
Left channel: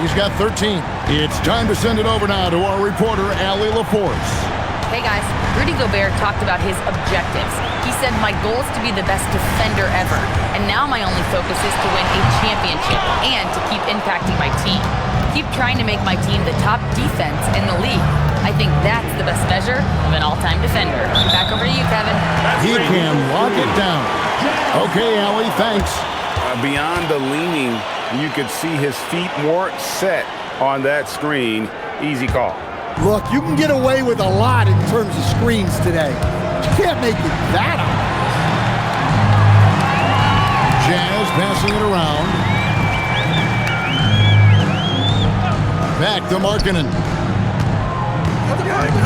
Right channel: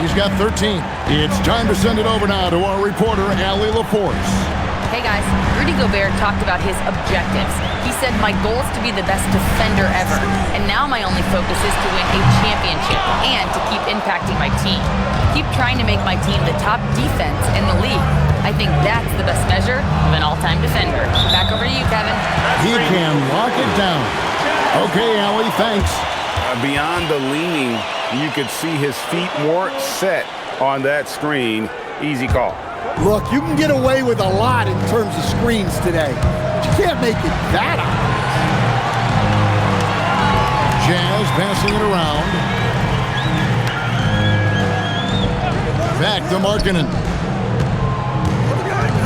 He's got 13. It's time to send it over now to our reporter, Allie LaForce. Hey guys, Rudy Gobert talked about his objectives. He said, my goal is to be the best defender ever. And now my only focus is to win a championship and to keep impacting my team. Keep trying to make my team the top defense in the league. I think that's the best measure of an all-time defender. Back over to you, Kevin. He can lock it down. Okay, Allie, thanks. Beyond the leaning, you could see his feet more set on that screen. Easy call. Look, you can get away with a lot in terms of screens today. But you can't make it that obvious. Jazz passing it around. Back to Markkanen.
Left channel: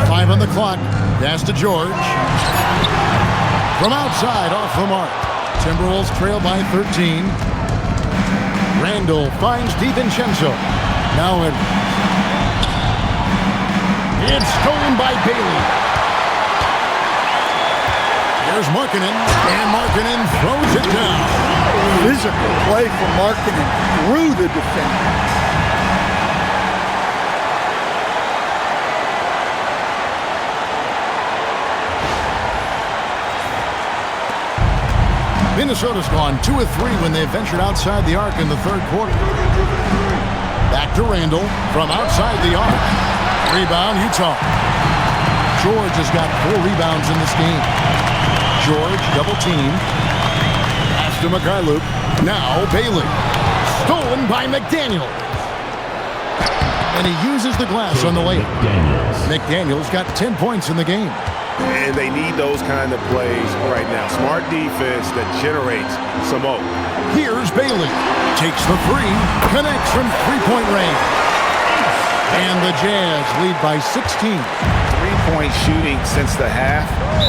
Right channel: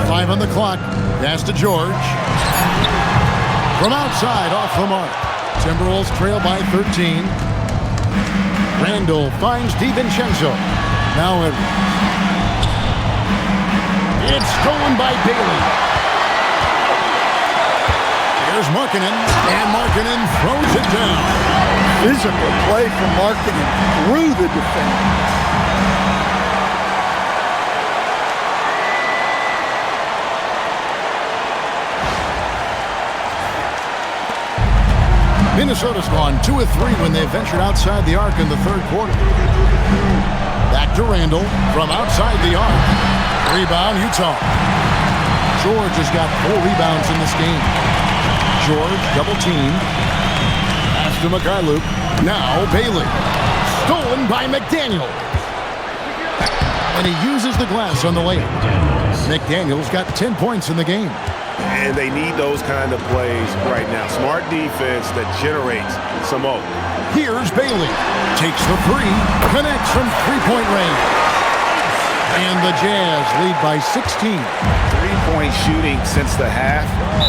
5 on the clock. Pass to George. From outside, off the mark. Timberwolves trail by 13. Randle finds DiVincenzo. Now Edwards. It's stolen by Bailey. Here's Markkanen, and Markkanen throws it down. Physical play from Markkanen through the defender. Minnesota's gone 2 of 3 when they ventured outside the arc in the third quarter. Back to Randle from outside the arc. Rebound, Utah. George has got 4 rebounds in this game. George, double team. Pass to Mikhailuk. Now Bailey. Stolen by McDaniels. And he uses the glass on the layup. McDaniels got 10 points in the game. And they need those kind of plays right now. Smart defense that generates some hope. Here's Bailey. Takes the three. Connects from three-point range. And the Jazz lead by 16. Three-point shooting since the half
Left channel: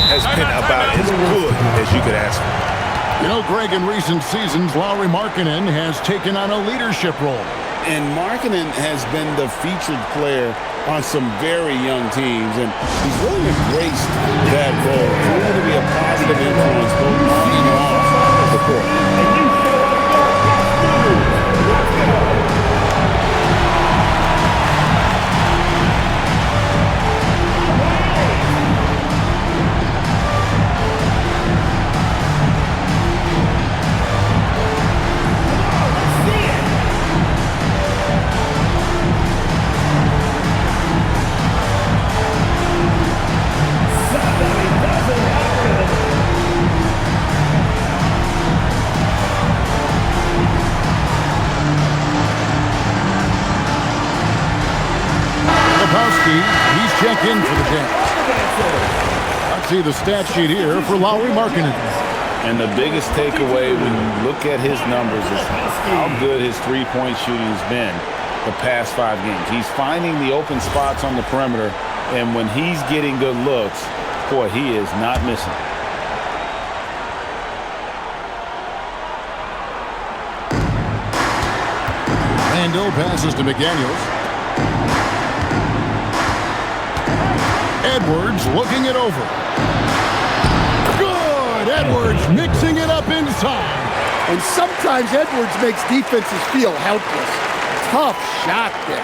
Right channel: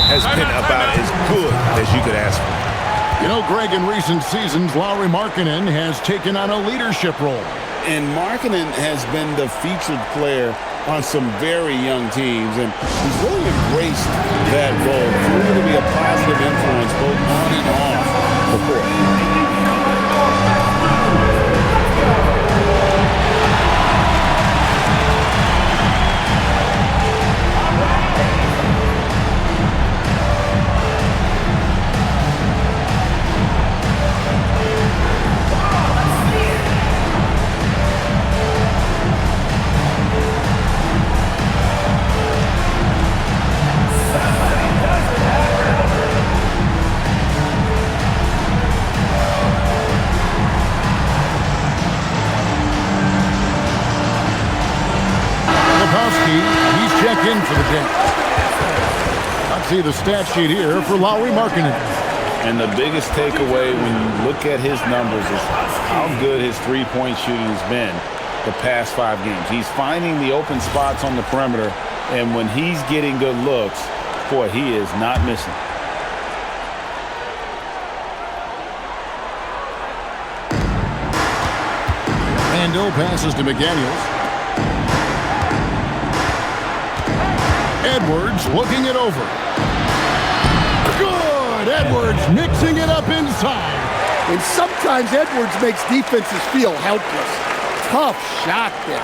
has been about as good as you could ask for. You know, Greg, in recent seasons, Lauri Markkanen has taken on a leadership role. And Markkanen has been the featured player on some very young teams, and he's really embraced that role, proving to be a positive influence both on and off the court. He's checked in for the Jazz. Let's see the stat sheet here for Lauri Markkanen. And the biggest takeaway when you look at his numbers is how good his three-point shooting has been the past 5 games. He's finding the open spots on the perimeter, and when he's getting good looks, boy, he is not missing. Randle passes to McDaniels. Edwards looking it over. Good! Edwards mixing it up inside. And sometimes Edwards makes defenses feel helpless. Tough shot there.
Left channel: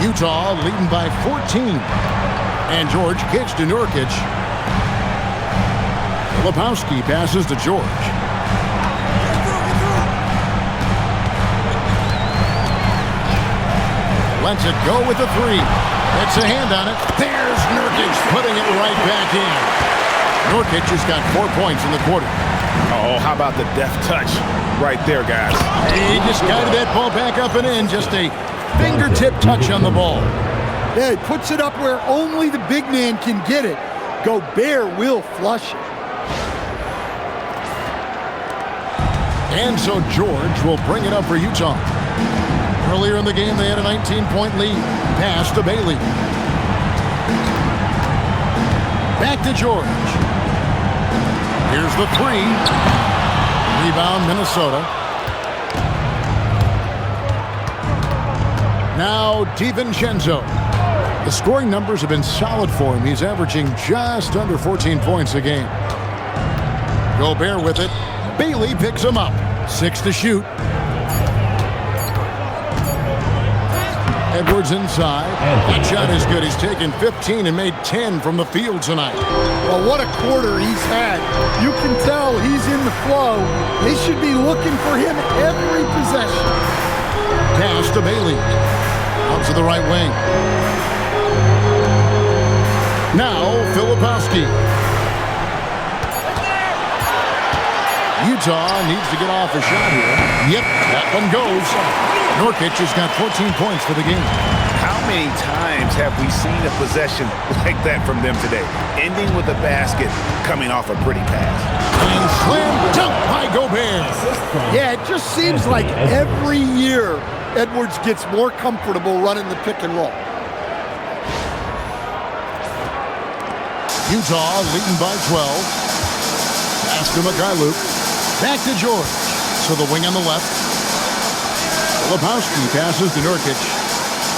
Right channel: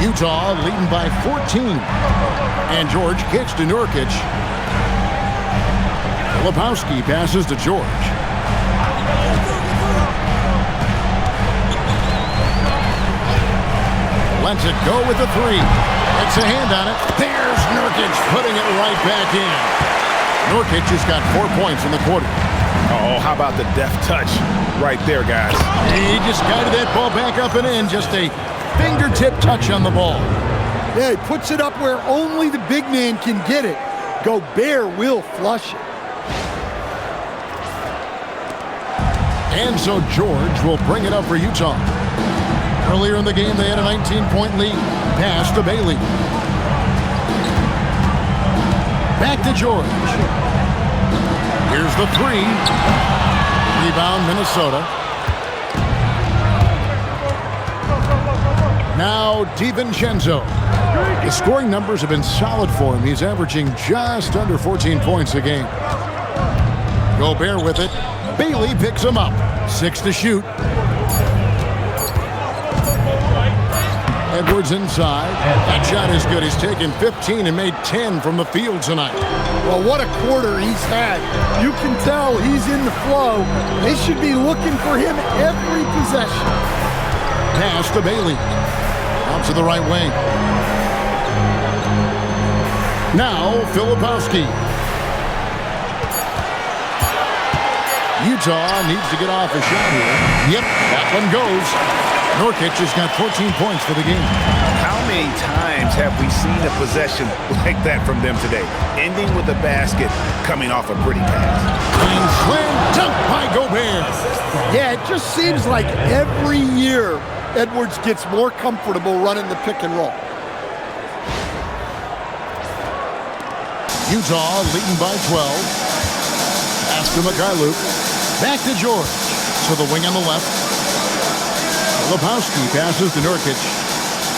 Utah leading by 14. And George kicks to Nurkic. Filipowski passes to George. Lets it go with the three. Gets a hand on it. There's Nurkic putting it right back in. Nurkic has got 4 points in the quarter. Oh, how about the deft touch right there, guys? He just guided that ball back up and in. Just a fingertip touch on the ball. Yeah, he puts it up where only the big man can get it. Gobert will flush it. And so George will bring it up for Utah. Earlier in the game, they had a 19-point lead. Pass to Bailey. Back to George. Here's the three. Rebound, Minnesota. Now DiVincenzo. The scoring numbers have been solid for him. He's averaging just under 14 points a game. Gobert with it. Bailey picks him up. 6 to shoot. Edwards inside. That shot is good. He's taken 15 and made 10 from the field tonight. Well, what a quarter he's had. You can tell he's in the flow. They should be looking for him every possession. Pass to Bailey. Out to the right wing. Now, Filipowski. Utah needs to get off a shot here. Yep, that one goes. Nurkic has got 14 points for the game. How many times have we seen a possession like that from them today? Ending with a basket, coming off a pretty pass. And slam dunk by Gobert. Yeah, it just seems like every year Edwards gets more comfortable running the pick and roll. Utah leading by 12. Pass to Mikhailuk. Back to George. To the wing on the left. Filipowski passes to Nurkic.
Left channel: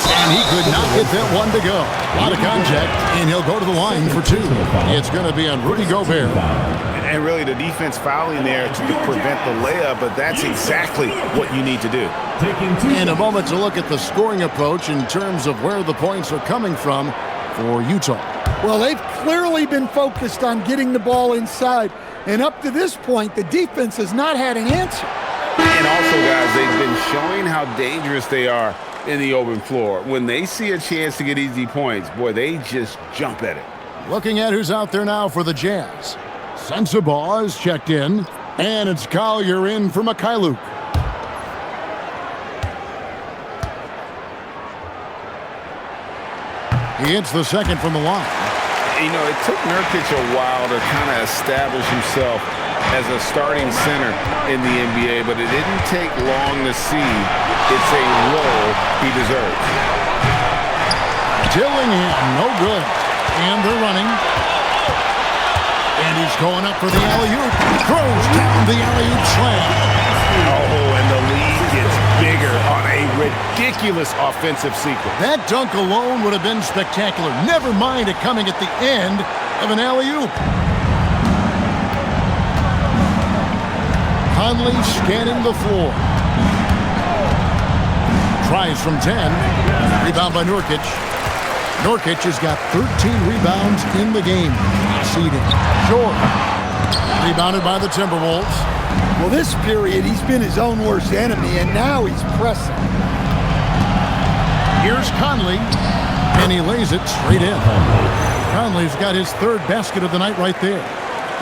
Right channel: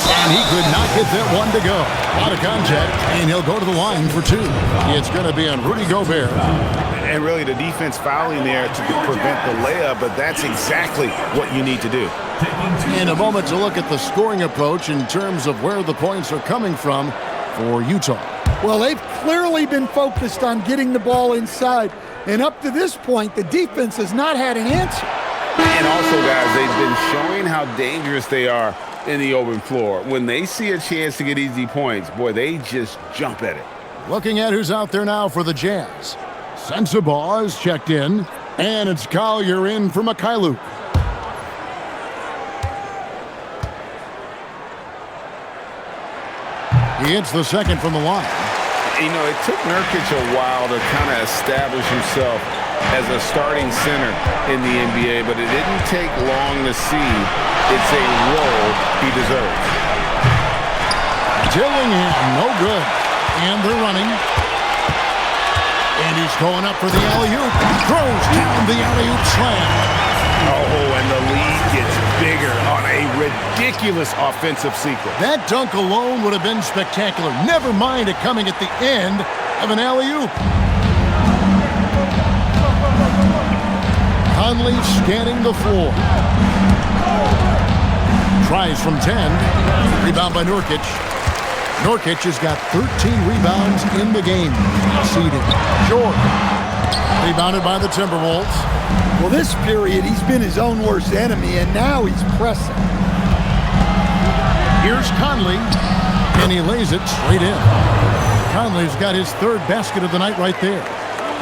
And he could not get that one to go. A lot of contact, and he'll go to the line for 2. It's going to be on Rudy Gobert. And really the defense fouling there to prevent the layup, but that's exactly what you need to do. In a moment to look at the scoring approach in terms of where the points are coming from for Utah. Well, they've clearly been focused on getting the ball inside. And up to this point, the defense has not had an answer. And also, guys, they've been showing how dangerous they are in the open floor. When they see a chance to get easy points, boy, they just jump at it. Looking at who's out there now for the Jazz. Sensabaugh is checked in, and it's Collier in for Mikhailuk. He hits the second from the line. You know, it took Nurkic a while to kind of establish himself as a starting center in the NBA, but it didn't take long to see it's a role he deserves. Dillingham, no good. And they're running. And he's going up for the alley-oop. Throws down the alley-oop slam. Oh, and the lead gets bigger on a ridiculous offensive sequence. That dunk alone would have been spectacular. Never mind it coming at the end of an alley-oop. Conley scanning the floor. Tries from 10. Rebound by Nurkic. Nurkic has got 13 rebounds in the game. Seeded. Short. Rebounded by the Timberwolves. Well, this period, he's been his own worst enemy, and now he's pressing. Here's Conley, and he lays it straight in. Conley's got his third basket of the night right there.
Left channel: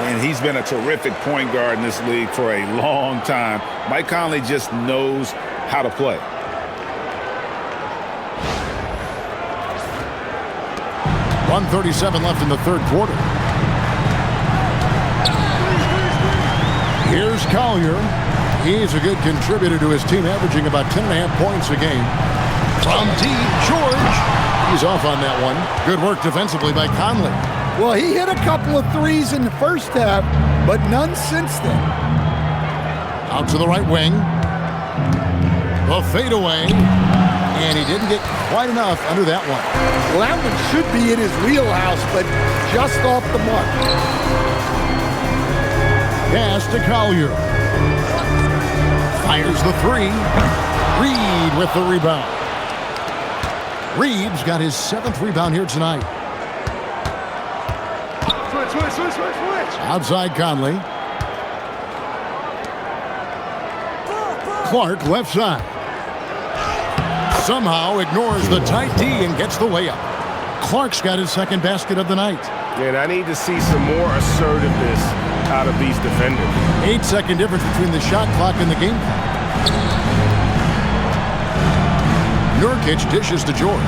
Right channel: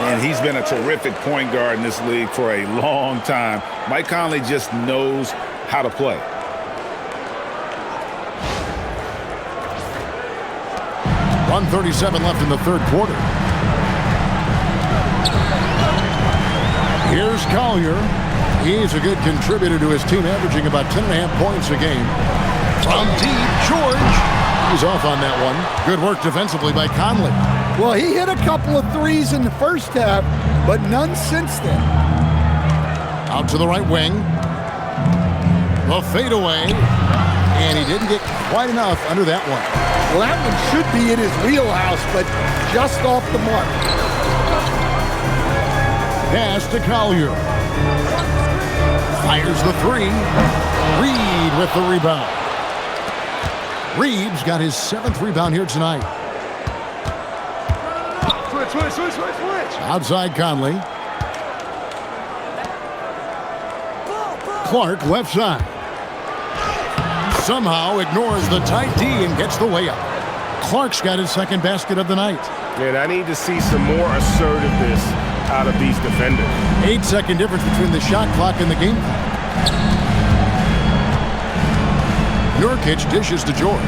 And he's been a terrific point guard in this league for a long time. Mike Conley just knows how to play. .137 left in the third quarter. Here's Collier. He's a good contributor to his team, averaging about 10.5 points a game. From deep, George. He's off on that one. Good work defensively by Conley. Well, he hit a couple of threes in the first half, but none since then. Out to the right wing. The fadeaway. And he didn't get quite enough under that one. Well, that one should be in his wheelhouse, but just off the mark. Pass to Collier. Fires the three. Reed with the rebound. Reed's got his 7th rebound here tonight. Switch. Outside Conley. Clark left side. Somehow ignores the tight D and gets the layup. Clark's got his 2nd basket of the night. Man, I need to see some more assertiveness out of these defenders. 8-second difference between the shot clock and the game clock. Nurkic dishes to George.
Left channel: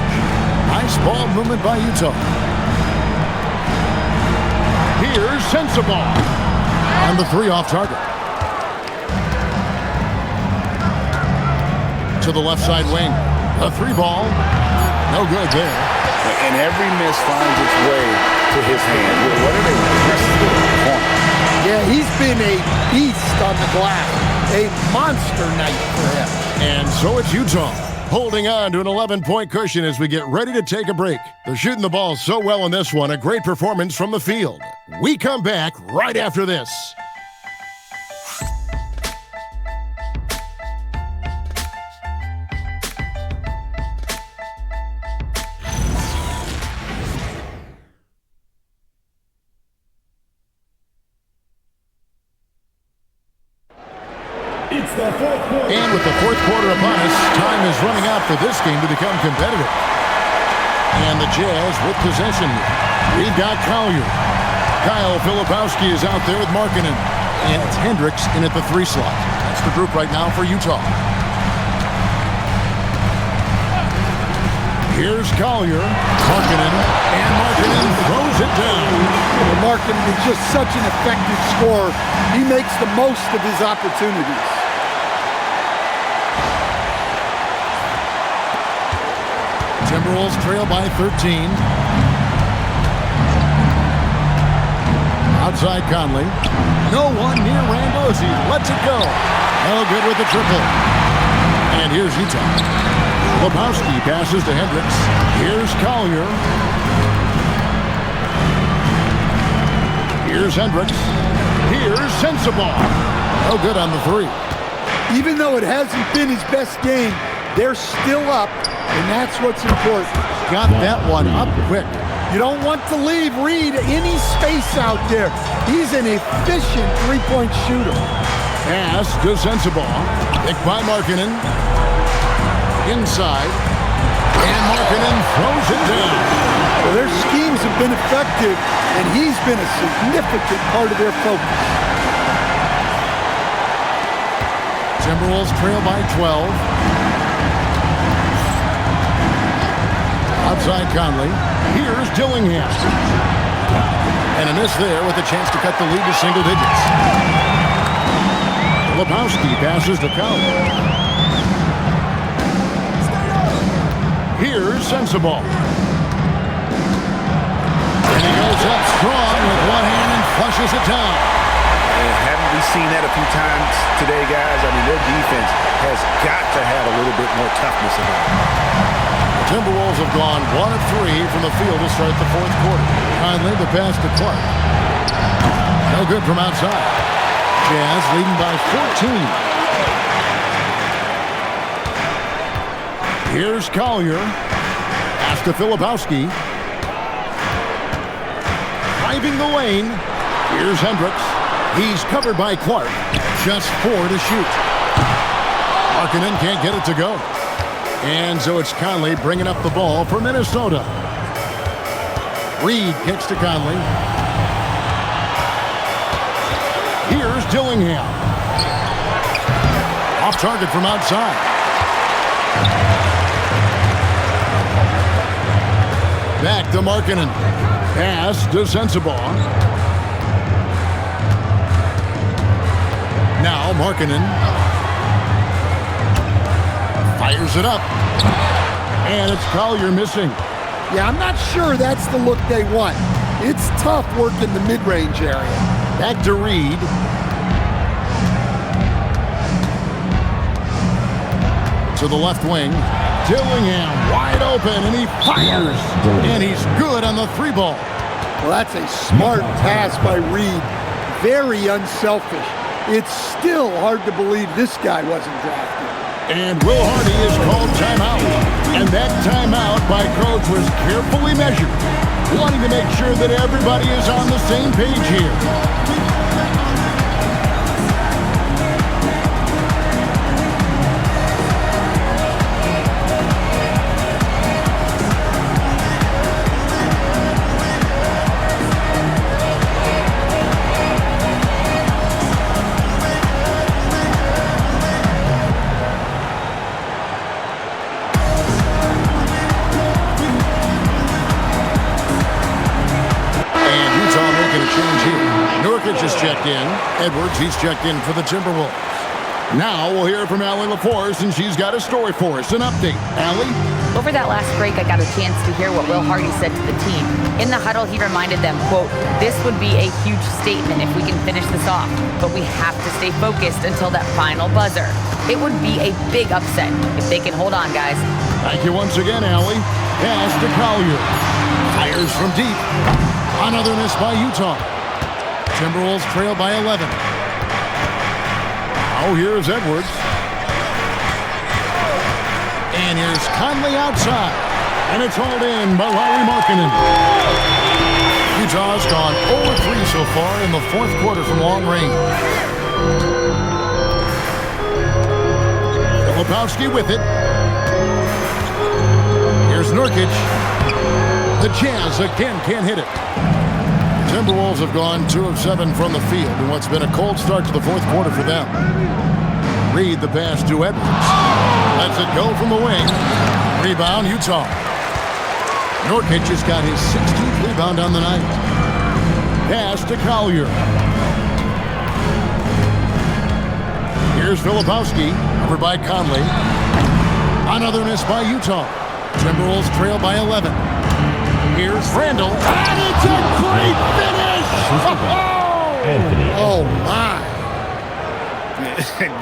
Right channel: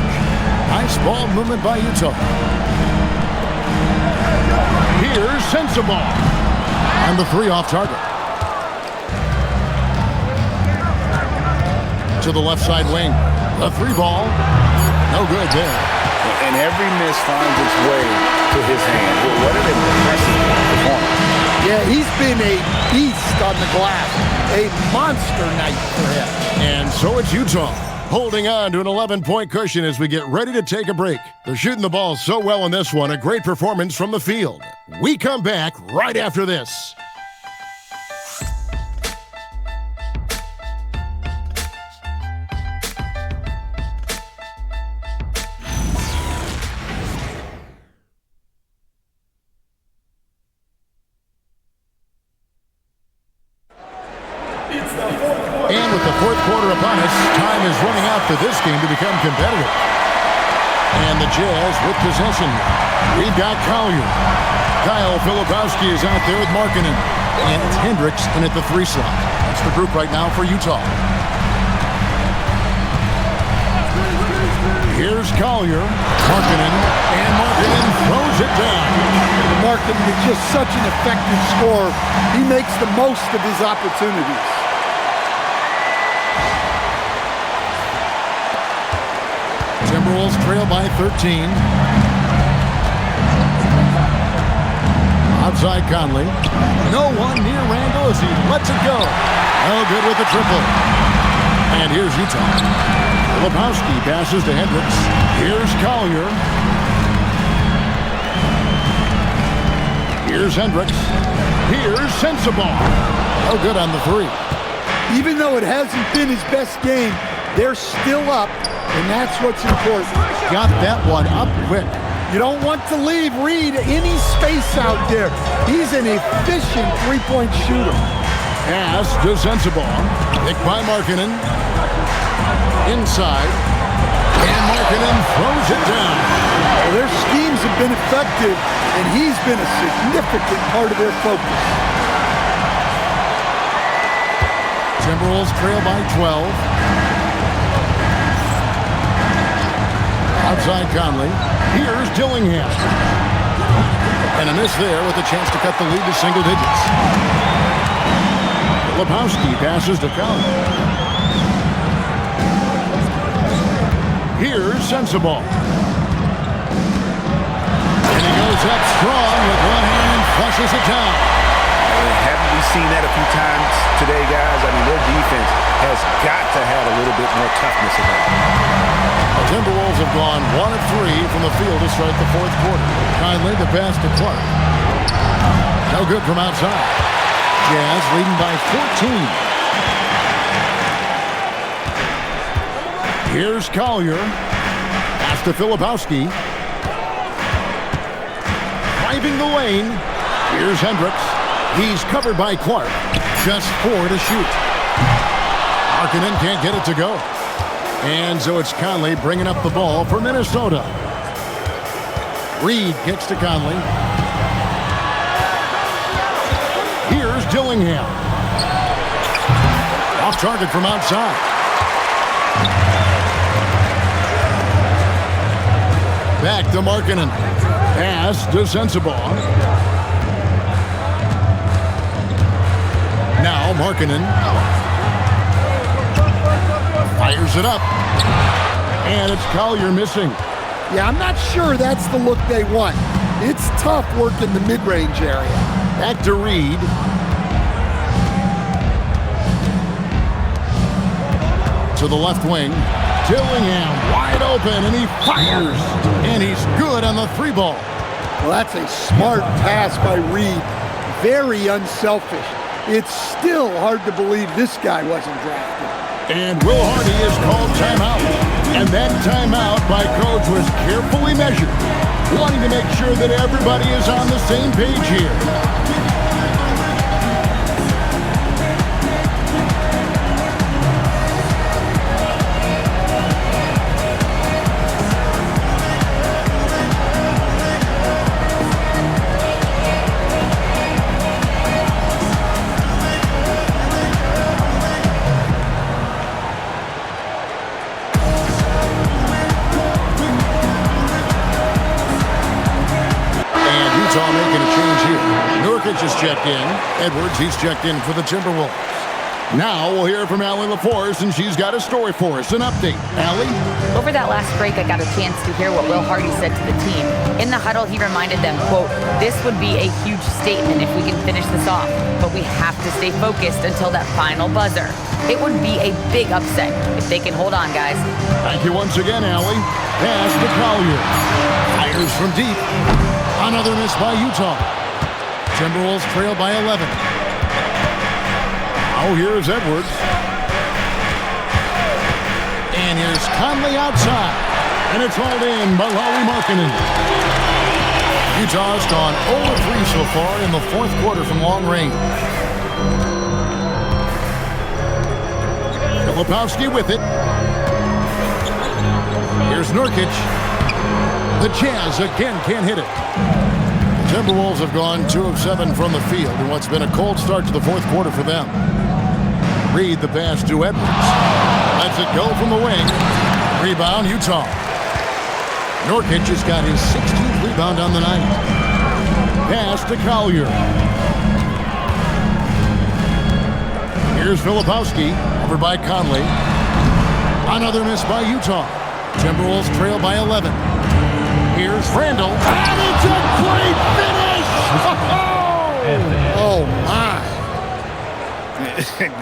Nice ball movement by Utah. Here's Sensabaugh. And the 3 off target. To the left side wing. The 3 ball. No good there. And every miss finds its way to his hand. What an impressive performance. Yeah, he's been a beast on the glass. A monster night for him. And so it's Utah, holding on to an 11-point cushion as we get ready to take a break. They're shooting the ball so well in this one, a great performance from the field. We come back right after this. And with the fourth quarter upon us, time is running out for this game to become competitive. And the Jazz with possession. We've got Collier. Kyle Filipowski is out there with Markkanen. And it's Hendricks in at the 3 slot. That's the group right now for Utah. Here's Collier. Markkanen. And Markkanen throws it down. Markkanen is just such an effective scorer. He makes the most of his opportunities. Timberwolves trail by 13. Outside Conley. No one near Randle as he lets it go. No good with the triple. And here's Utah. Filipowski passes to Hendricks. Here's Collier. Here's Hendricks. Here's Sensabaugh. No good on the 3. Even though it hasn't been his best game, they're still up, and that's what's important. Got that one up quick. You don't want to leave Reed any space out there. He's an efficient three-point shooter. Pass to Sensabaugh. Picked by Markkanen. Inside. And Markkanen throws it down. Well, their schemes have been effective, and he's been a significant part of their focus. Timberwolves trail by 12. Outside Conley. Here's Dillingham. And a miss there with a chance to cut the lead to single digits. Filipowski passes to Conley. Here's Sensabaugh. And he goes up strong with one hand and flushes it down. Haven't we seen that a few times today, guys? I mean, their defense has got to have a little bit more toughness about it. The Timberwolves have gone 1 of 3 from the field to start the fourth quarter. Conley, the pass to Clark. No good from outside. Jazz leading by 14. Here's Collier. Pass to Filipowski. Driving the lane. Here's Hendricks. He's covered by Clark. Just 4 to shoot. Markkanen can't get it to go. And so it's Conley bringing up the ball for Minnesota. Reed kicks to Conley. Here's Dillingham. Off target from outside. Back to Markkanen. Pass to Sensabaugh. Now Markkanen fires it up. And it's Collier missing. Yeah, I'm not sure that's the look they want. It's tough working the mid-range area. Back to Reed. To the left wing. Dillingham wide open, and he fires. And he's good on the 3-ball. Well, that's a smart pass by Reed. Very unselfish. It's still hard to believe this guy wasn't drafted. And Will Hardy is called timeout. And that timeout by Coach was carefully measured, wanting to make sure that everybody is on the same page here. Nurkic is checked in. Edwards, he's checked in for the Timberwolves. Now we'll hear from Allie LaForce, and she's got a story for us, an update. Allie? Over that last break, I got a chance to hear what Will Hardy said to the team. In the huddle, he reminded them, quote, "This would be a huge statement if we can finish this off, but we have to stay focused until that final buzzer. It would be a big upset if they can hold on, guys." Thank you once again, Allie. Pass to Collier. Fires from deep. Another miss by Utah. Timberwolves trail by 11. Now here's Edwards. And here's Conley outside. And it's hauled in by Lauri Markkanen. Utah's gone 0-3 so far in the fourth quarter from long range. Filipowski with it. Here's Nurkic. The Jazz again can't hit it. The Timberwolves have gone 2 of 7 from the field in what's been a cold start to the fourth quarter for them. Reed the pass to Edwards. Lets it go from the wing. Rebound, Utah. Nurkic has got his 16th rebound on the night. Pass to Collier. Here's Filipowski, covered by Conley. Another miss by Utah. Timberwolves trail by 11. Here's Randle. And it's a great finish! Oh, my.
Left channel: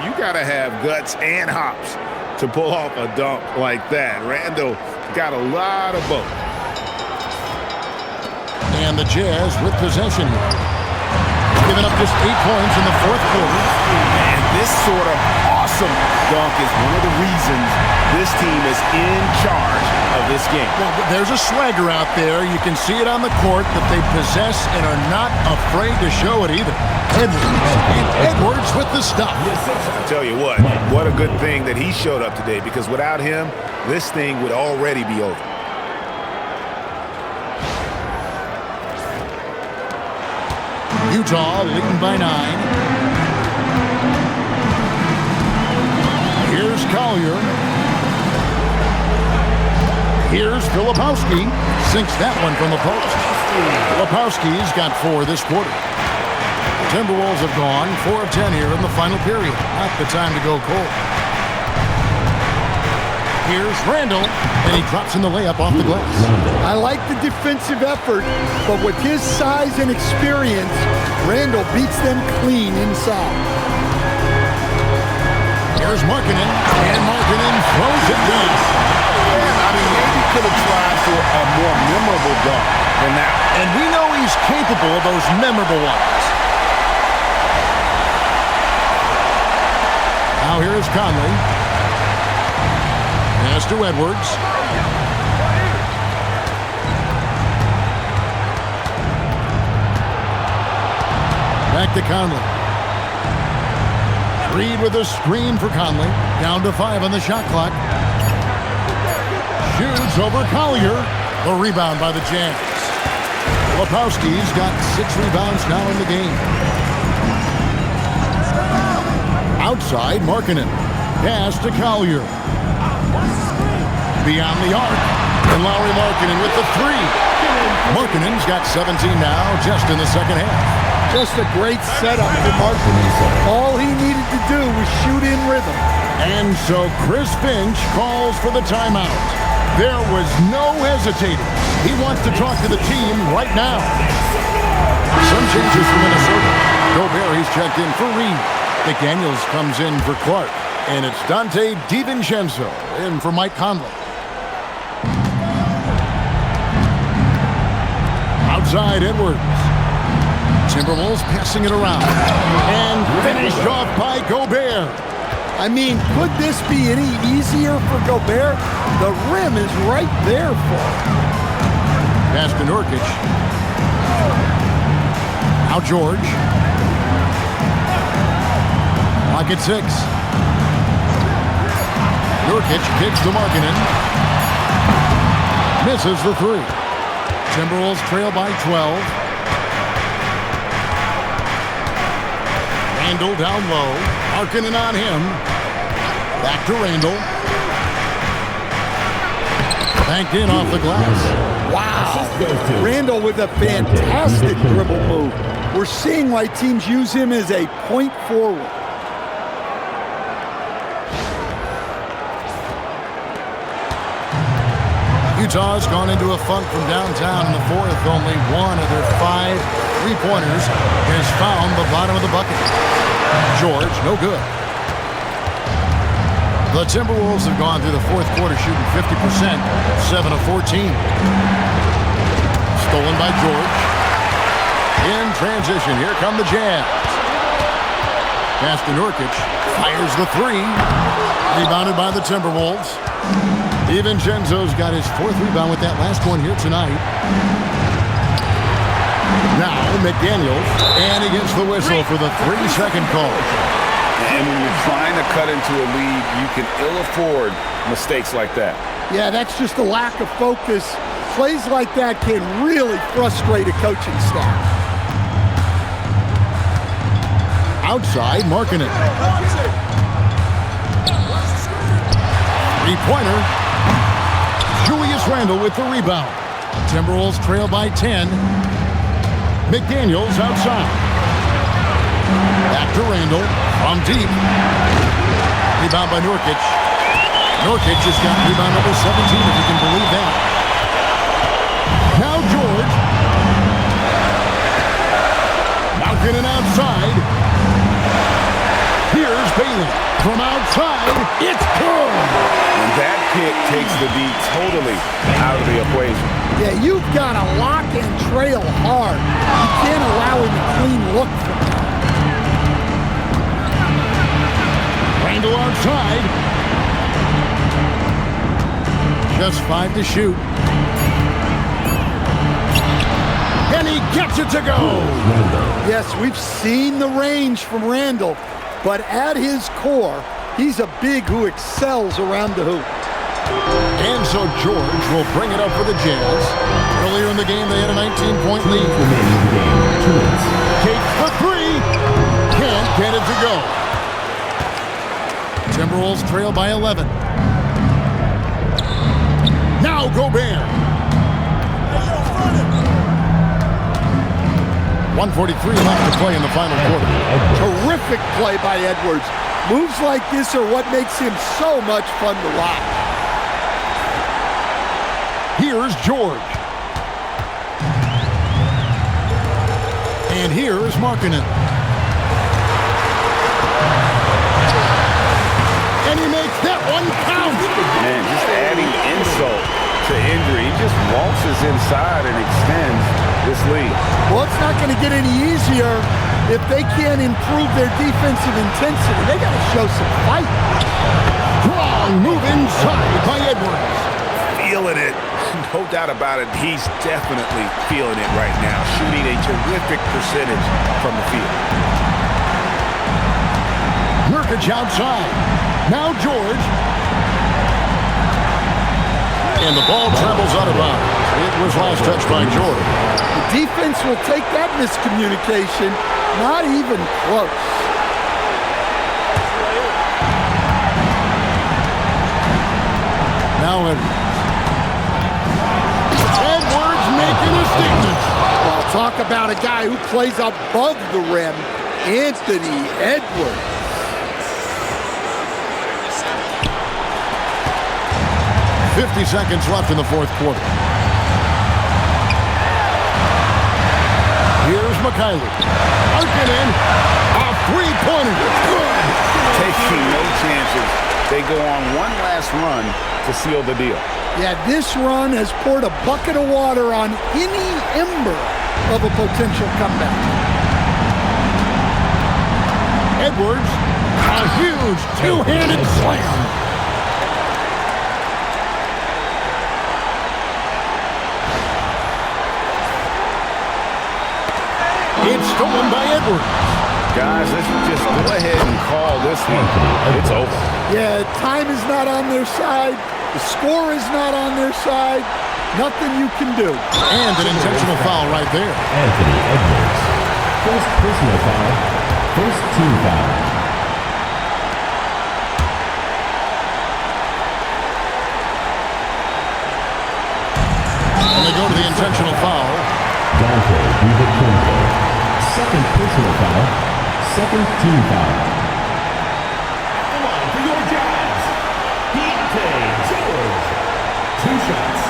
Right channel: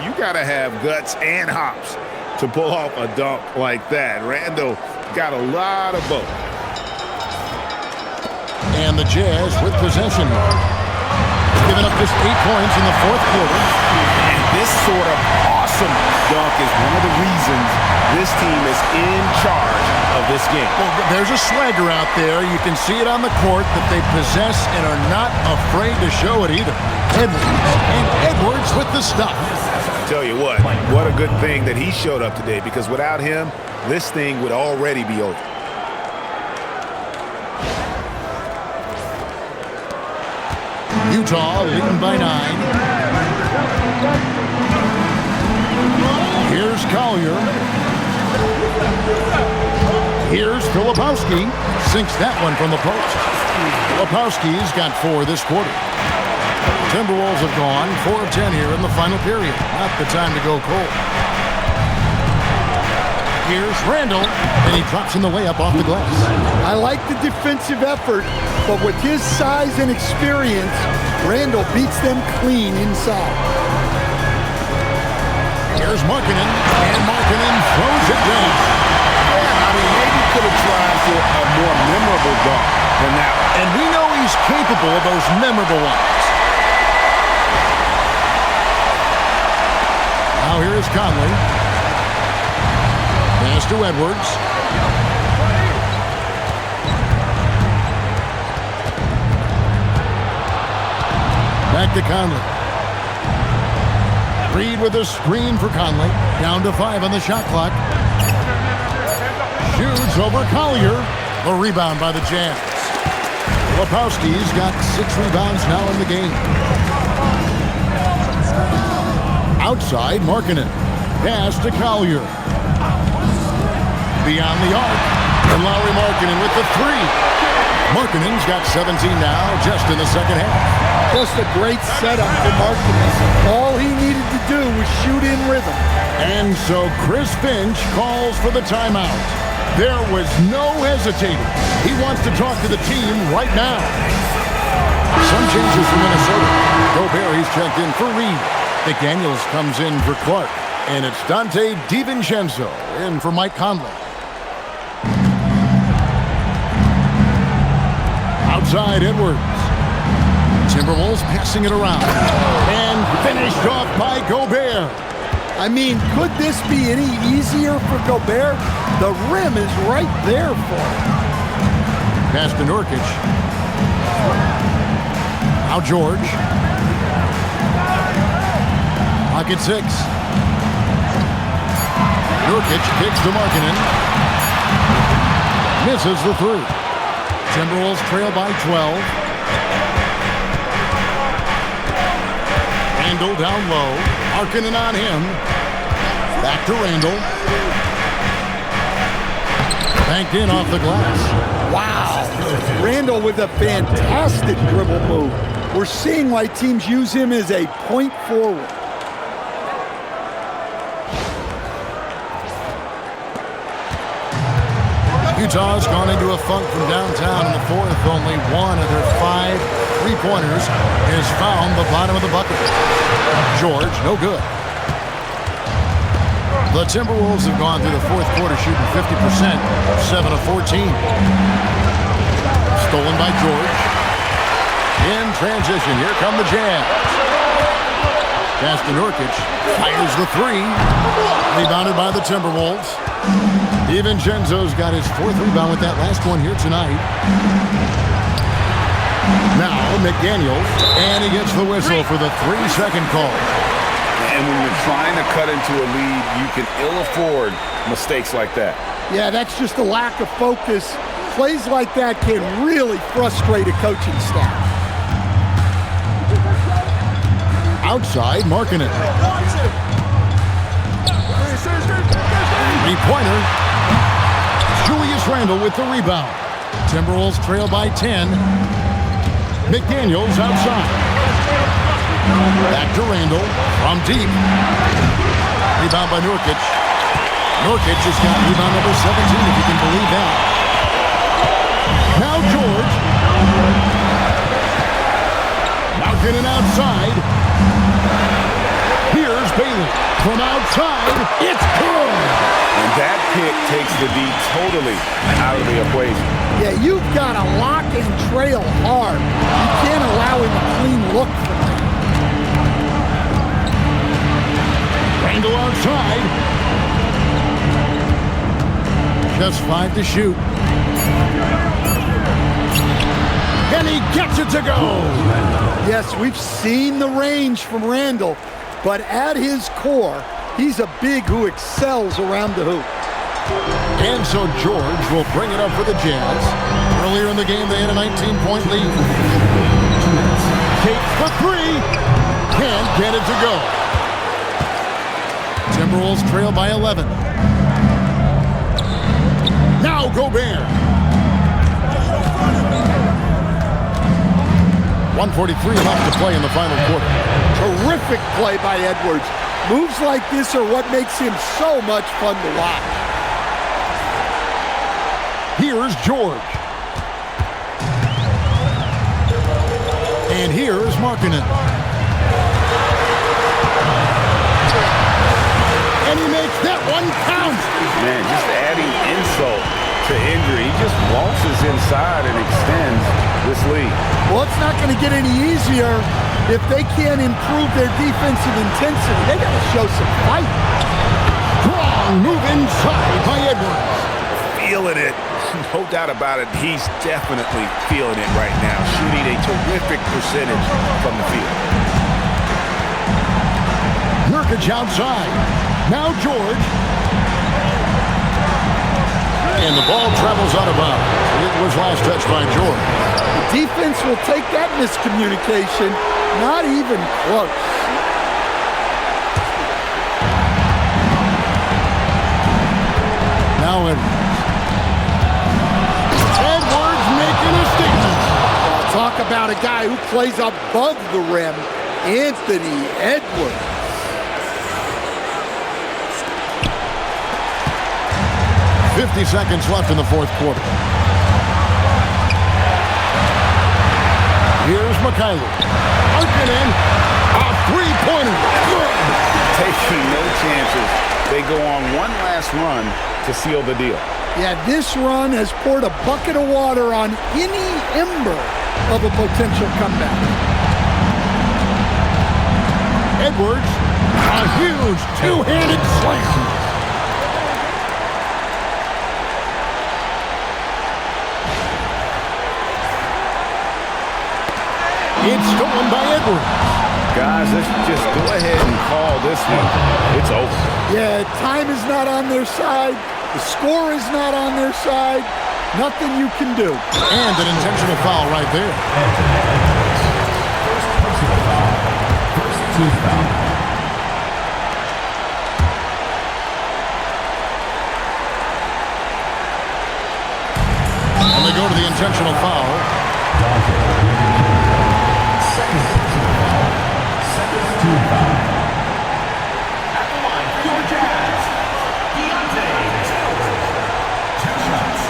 You got to have guts and hops to pull off a dunk like that. Randle got a lot of both. And the Jazz with possession here. Giving up just 8 points in the fourth quarter. And this sort of awesome dunk is one of the reasons This team is in charge of this game. Well, there's a swagger out there. You can see it on the court that they possess and are not afraid to show it either. Edwards with the stuff. I tell you what a good thing that he showed up today, because without him, this thing would already be over. Utah leading by 9. Here's Collier. Here's Filipowski. Sinks that one from the post. Filipowski's got 4 this quarter. Timberwolves have gone 4 of 10 here in the final period. Not the time to go cold. Here's Randle, and he drops in the layup off the glass. I like the defensive effort, but with his size and experience, Randle beats them clean inside. Here's Markkanen, and Markkanen throws it down. Yeah, I mean, maybe could have tried for a more memorable dunk than that one. And we know he's capable of those memorable ones. Now here's Conley. Pass to Edwards. Back to Conley. Reed with a screen for Conley. Down to 5 on the shot clock. Shoots over Collier. The rebound by the Jazz. Filipowski's got 6 rebounds now in the game. Outside, Markkanen. Pass to Collier. Beyond the arc. And Lauri Markkanen with the 3. Markkanen's got 17 now just in the second half. Just a great setup for Markkanen. All he needed to do was shoot in rhythm. And so Chris Finch calls for the timeout. There was no hesitating. He wants to talk to the team right now. Some changes for Minnesota. Gobert, he's checked in for Reed. McDaniels comes in for Clark. And it's Dante DiVincenzo in for Mike Conley. Outside, Edwards. Timberwolves passing it around. And finished off by Gobert. I mean, could this be any easier for Gobert? The rim is right there for him. Pass to Nurkic. Now George. Clock at 6. Nurkic kicks to Markkanen. Misses the 3. Timberwolves trail by 12. Randle down low. Markkanen on him. Back to Randle. Banked in off the glass. Wow. Randle with a fantastic dribble move. We're seeing why teams use him as a point forward. Utah's gone into a funk from downtown in the 4th. Only one of their 5 3-pointers has found the bottom of the bucket. George, no good. The Timberwolves have gone through the 4th quarter shooting 50%, 7 of 14. Stolen by George. In transition, here come the Jazz. Pass to Nurkic. Fires the 3. Rebounded by the Timberwolves. DiVincenzo's got his 4th rebound with that last one here tonight. Now McDaniels, and he gets the whistle for the 3-second call. And when you're trying to cut into a lead, you can ill afford mistakes like that. Yeah, that's just a lack of focus. Plays like that can really frustrate a coaching staff. Outside, Markkanen. 3-pointer. Julius Randle with the rebound. Timberwolves trail by 10. McDaniels outside. Back to Randle from deep. Rebound by Nurkic. Nurkic has got rebound number 17, if you can believe that. Now George. Markkanen outside. Here's Bailey. From outside, it's good. And that pick takes the D totally out of the equation. Yeah, you've got to lock and trail hard. You can't allow him a clean look from that. Randle outside. Just 5 to shoot. And he gets it to go. Yes, we've seen the range from Randle, but at his core, he's a big who excels around the hoop. And so George will bring it up for the Jazz. Earlier in the game, they had a 19-point lead. Takes the three. Can't get it to go. Timberwolves trail by 11. Now Gobert. 1:43 left to play in the final quarter. Terrific play by Edwards. Moves like this are what makes him so much fun to watch. Here's George. And here's Markkanen. And he makes that one count. Man, just adding insult to injury. He just waltzes inside and extends this lead. Well, it's not going to get any easier if they can't improve their defensive intensity. They got to show some fight. Strong move inside by Edwards. Feeling it. No doubt about it. He's definitely feeling it right now. Shooting a terrific percentage from the field. Nurkic outside. Now George. And the ball travels out of bounds. It was last touched by George. The defense will take that miscommunication. Not even close. Now Edwards. Edwards making a statement. Well, talk about a guy who plays above the rim. Anthony Edwards. .50 seconds left in the fourth quarter. Here's Mikhaili. Markkanen. A three-pointer. Good. Taking no chances. They go on one last run to seal the deal. Yeah, this run has poured a bucket of water on any ember of a potential comeback. Edwards. A huge two-handed slam. It's stolen by Edwards. Guys, let's just go ahead and call this one. It's over. Yeah, time is not on their side. The score is not on their side. Nothing you can do. And an intentional foul right there. Anthony Edwards. First personal foul. First team foul. And they go to the intentional foul. Dante DiVincenzo. Second personal foul. Second team foul. At the line for your Jazz, Deontay Jones. 2 shots.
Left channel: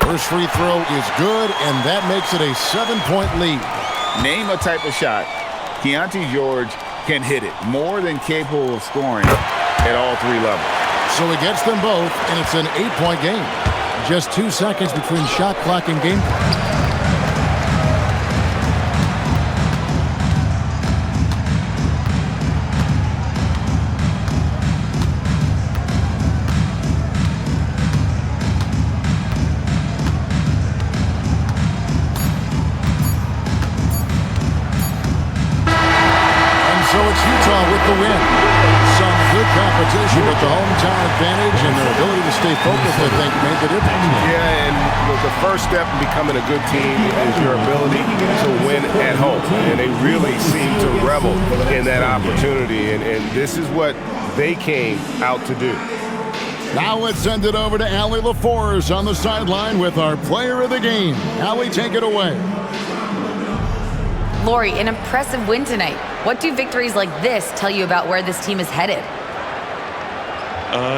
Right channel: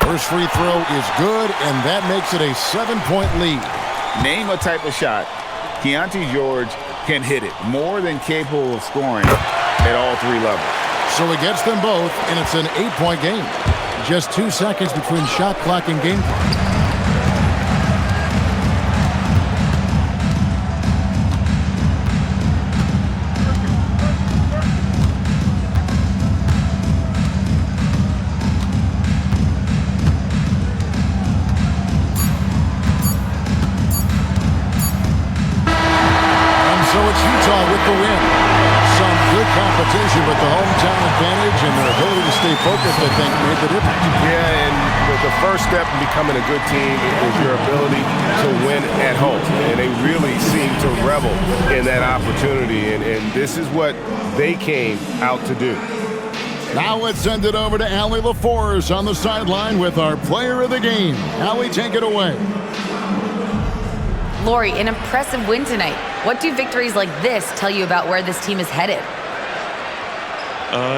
First free throw is good, and that makes it a 7-point lead. Name a type of shot Deontay George can hit it. More than capable of scoring at all 3 levels. So he gets them both, and it's an 8-point game. Just 2 seconds between shot clock and game clock. So it's Utah with the win. Some good competition, but the hometown advantage and their ability to stay focused, I think, made the difference. Yeah, and the first step in becoming a good team is your ability to win at home. And they really seem to revel in that opportunity, and this is what they came out to do. Now let's send it over to Allie LaForce on the sideline with our player of the game. Allie, take it away. Lori, an impressive win tonight. What do victories like this tell you about where this team is headed?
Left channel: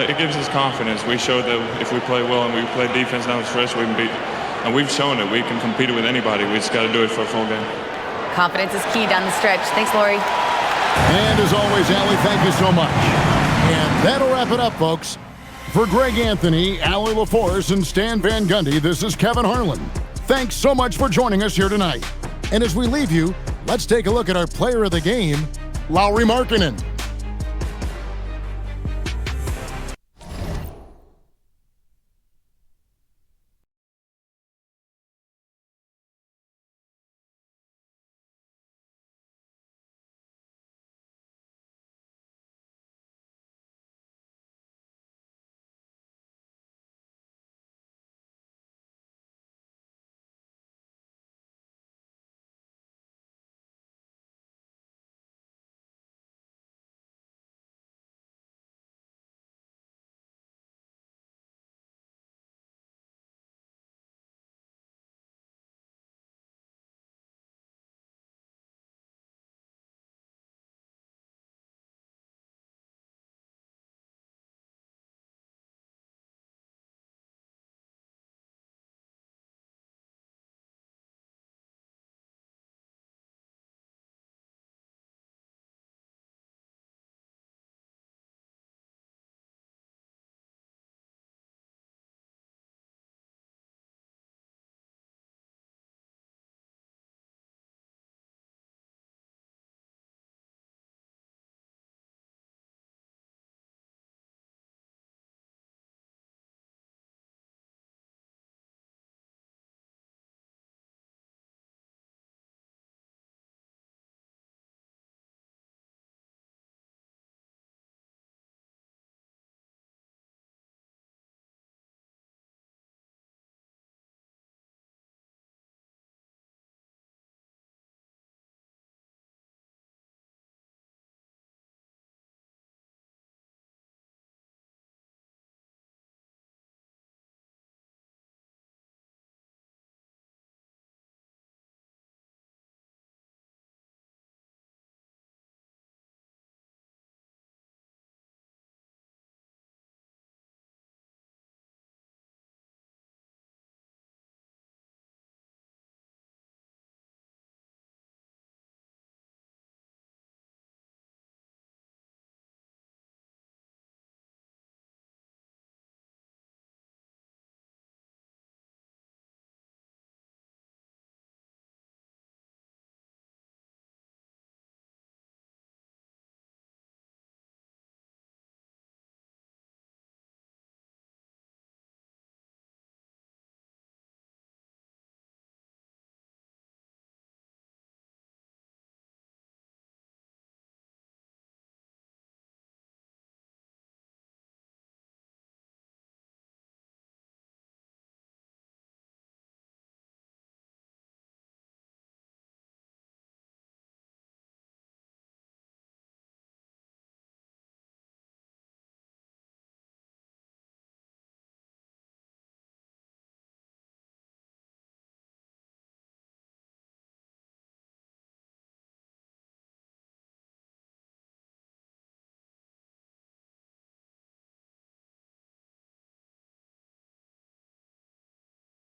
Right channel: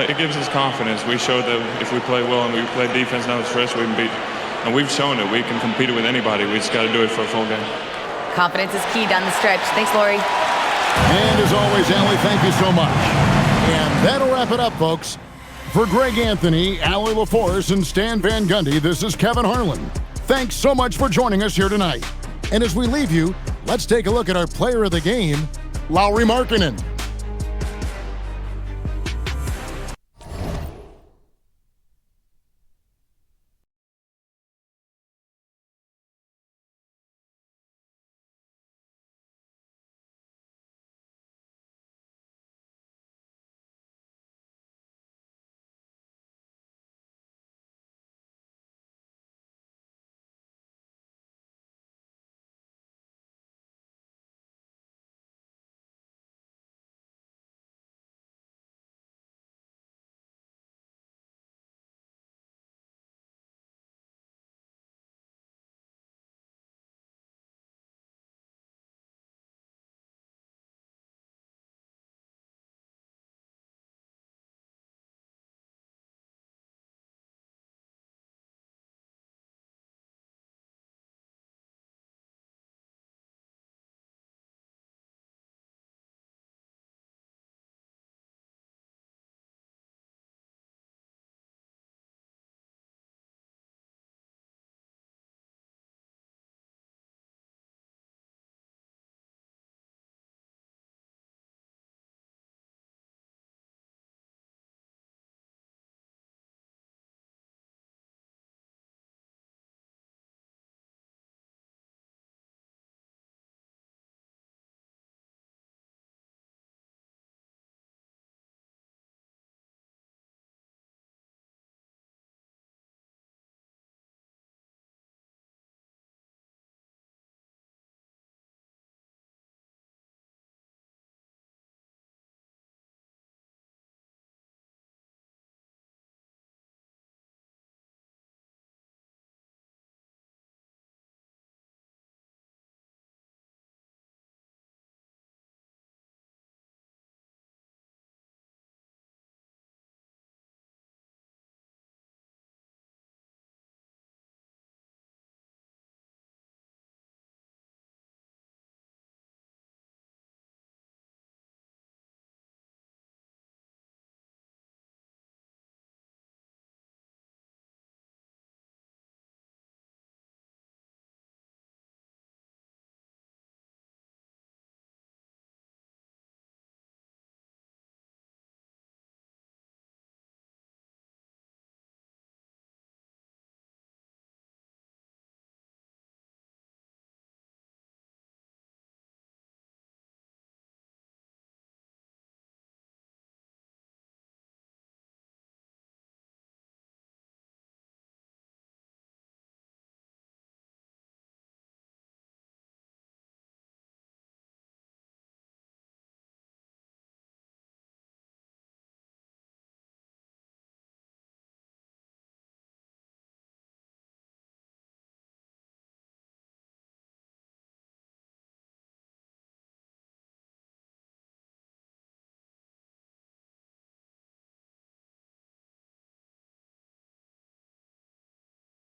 It gives us confidence. We showed that if we play well and we play defense down the stretch, we can beat. And we've shown it. We can compete with anybody. We just got to do it for a full game. Confidence is key down the stretch. Thanks, Lori. And as always, Allie, thank you so much. And that'll wrap it up, folks. For Greg Anthony, Allie LaForce, and Stan Van Gundy, this is Kevin Harlan. Thanks so much for joining us here tonight. And as we leave you, let's take a look at our player of the game, Lauri Markkanen.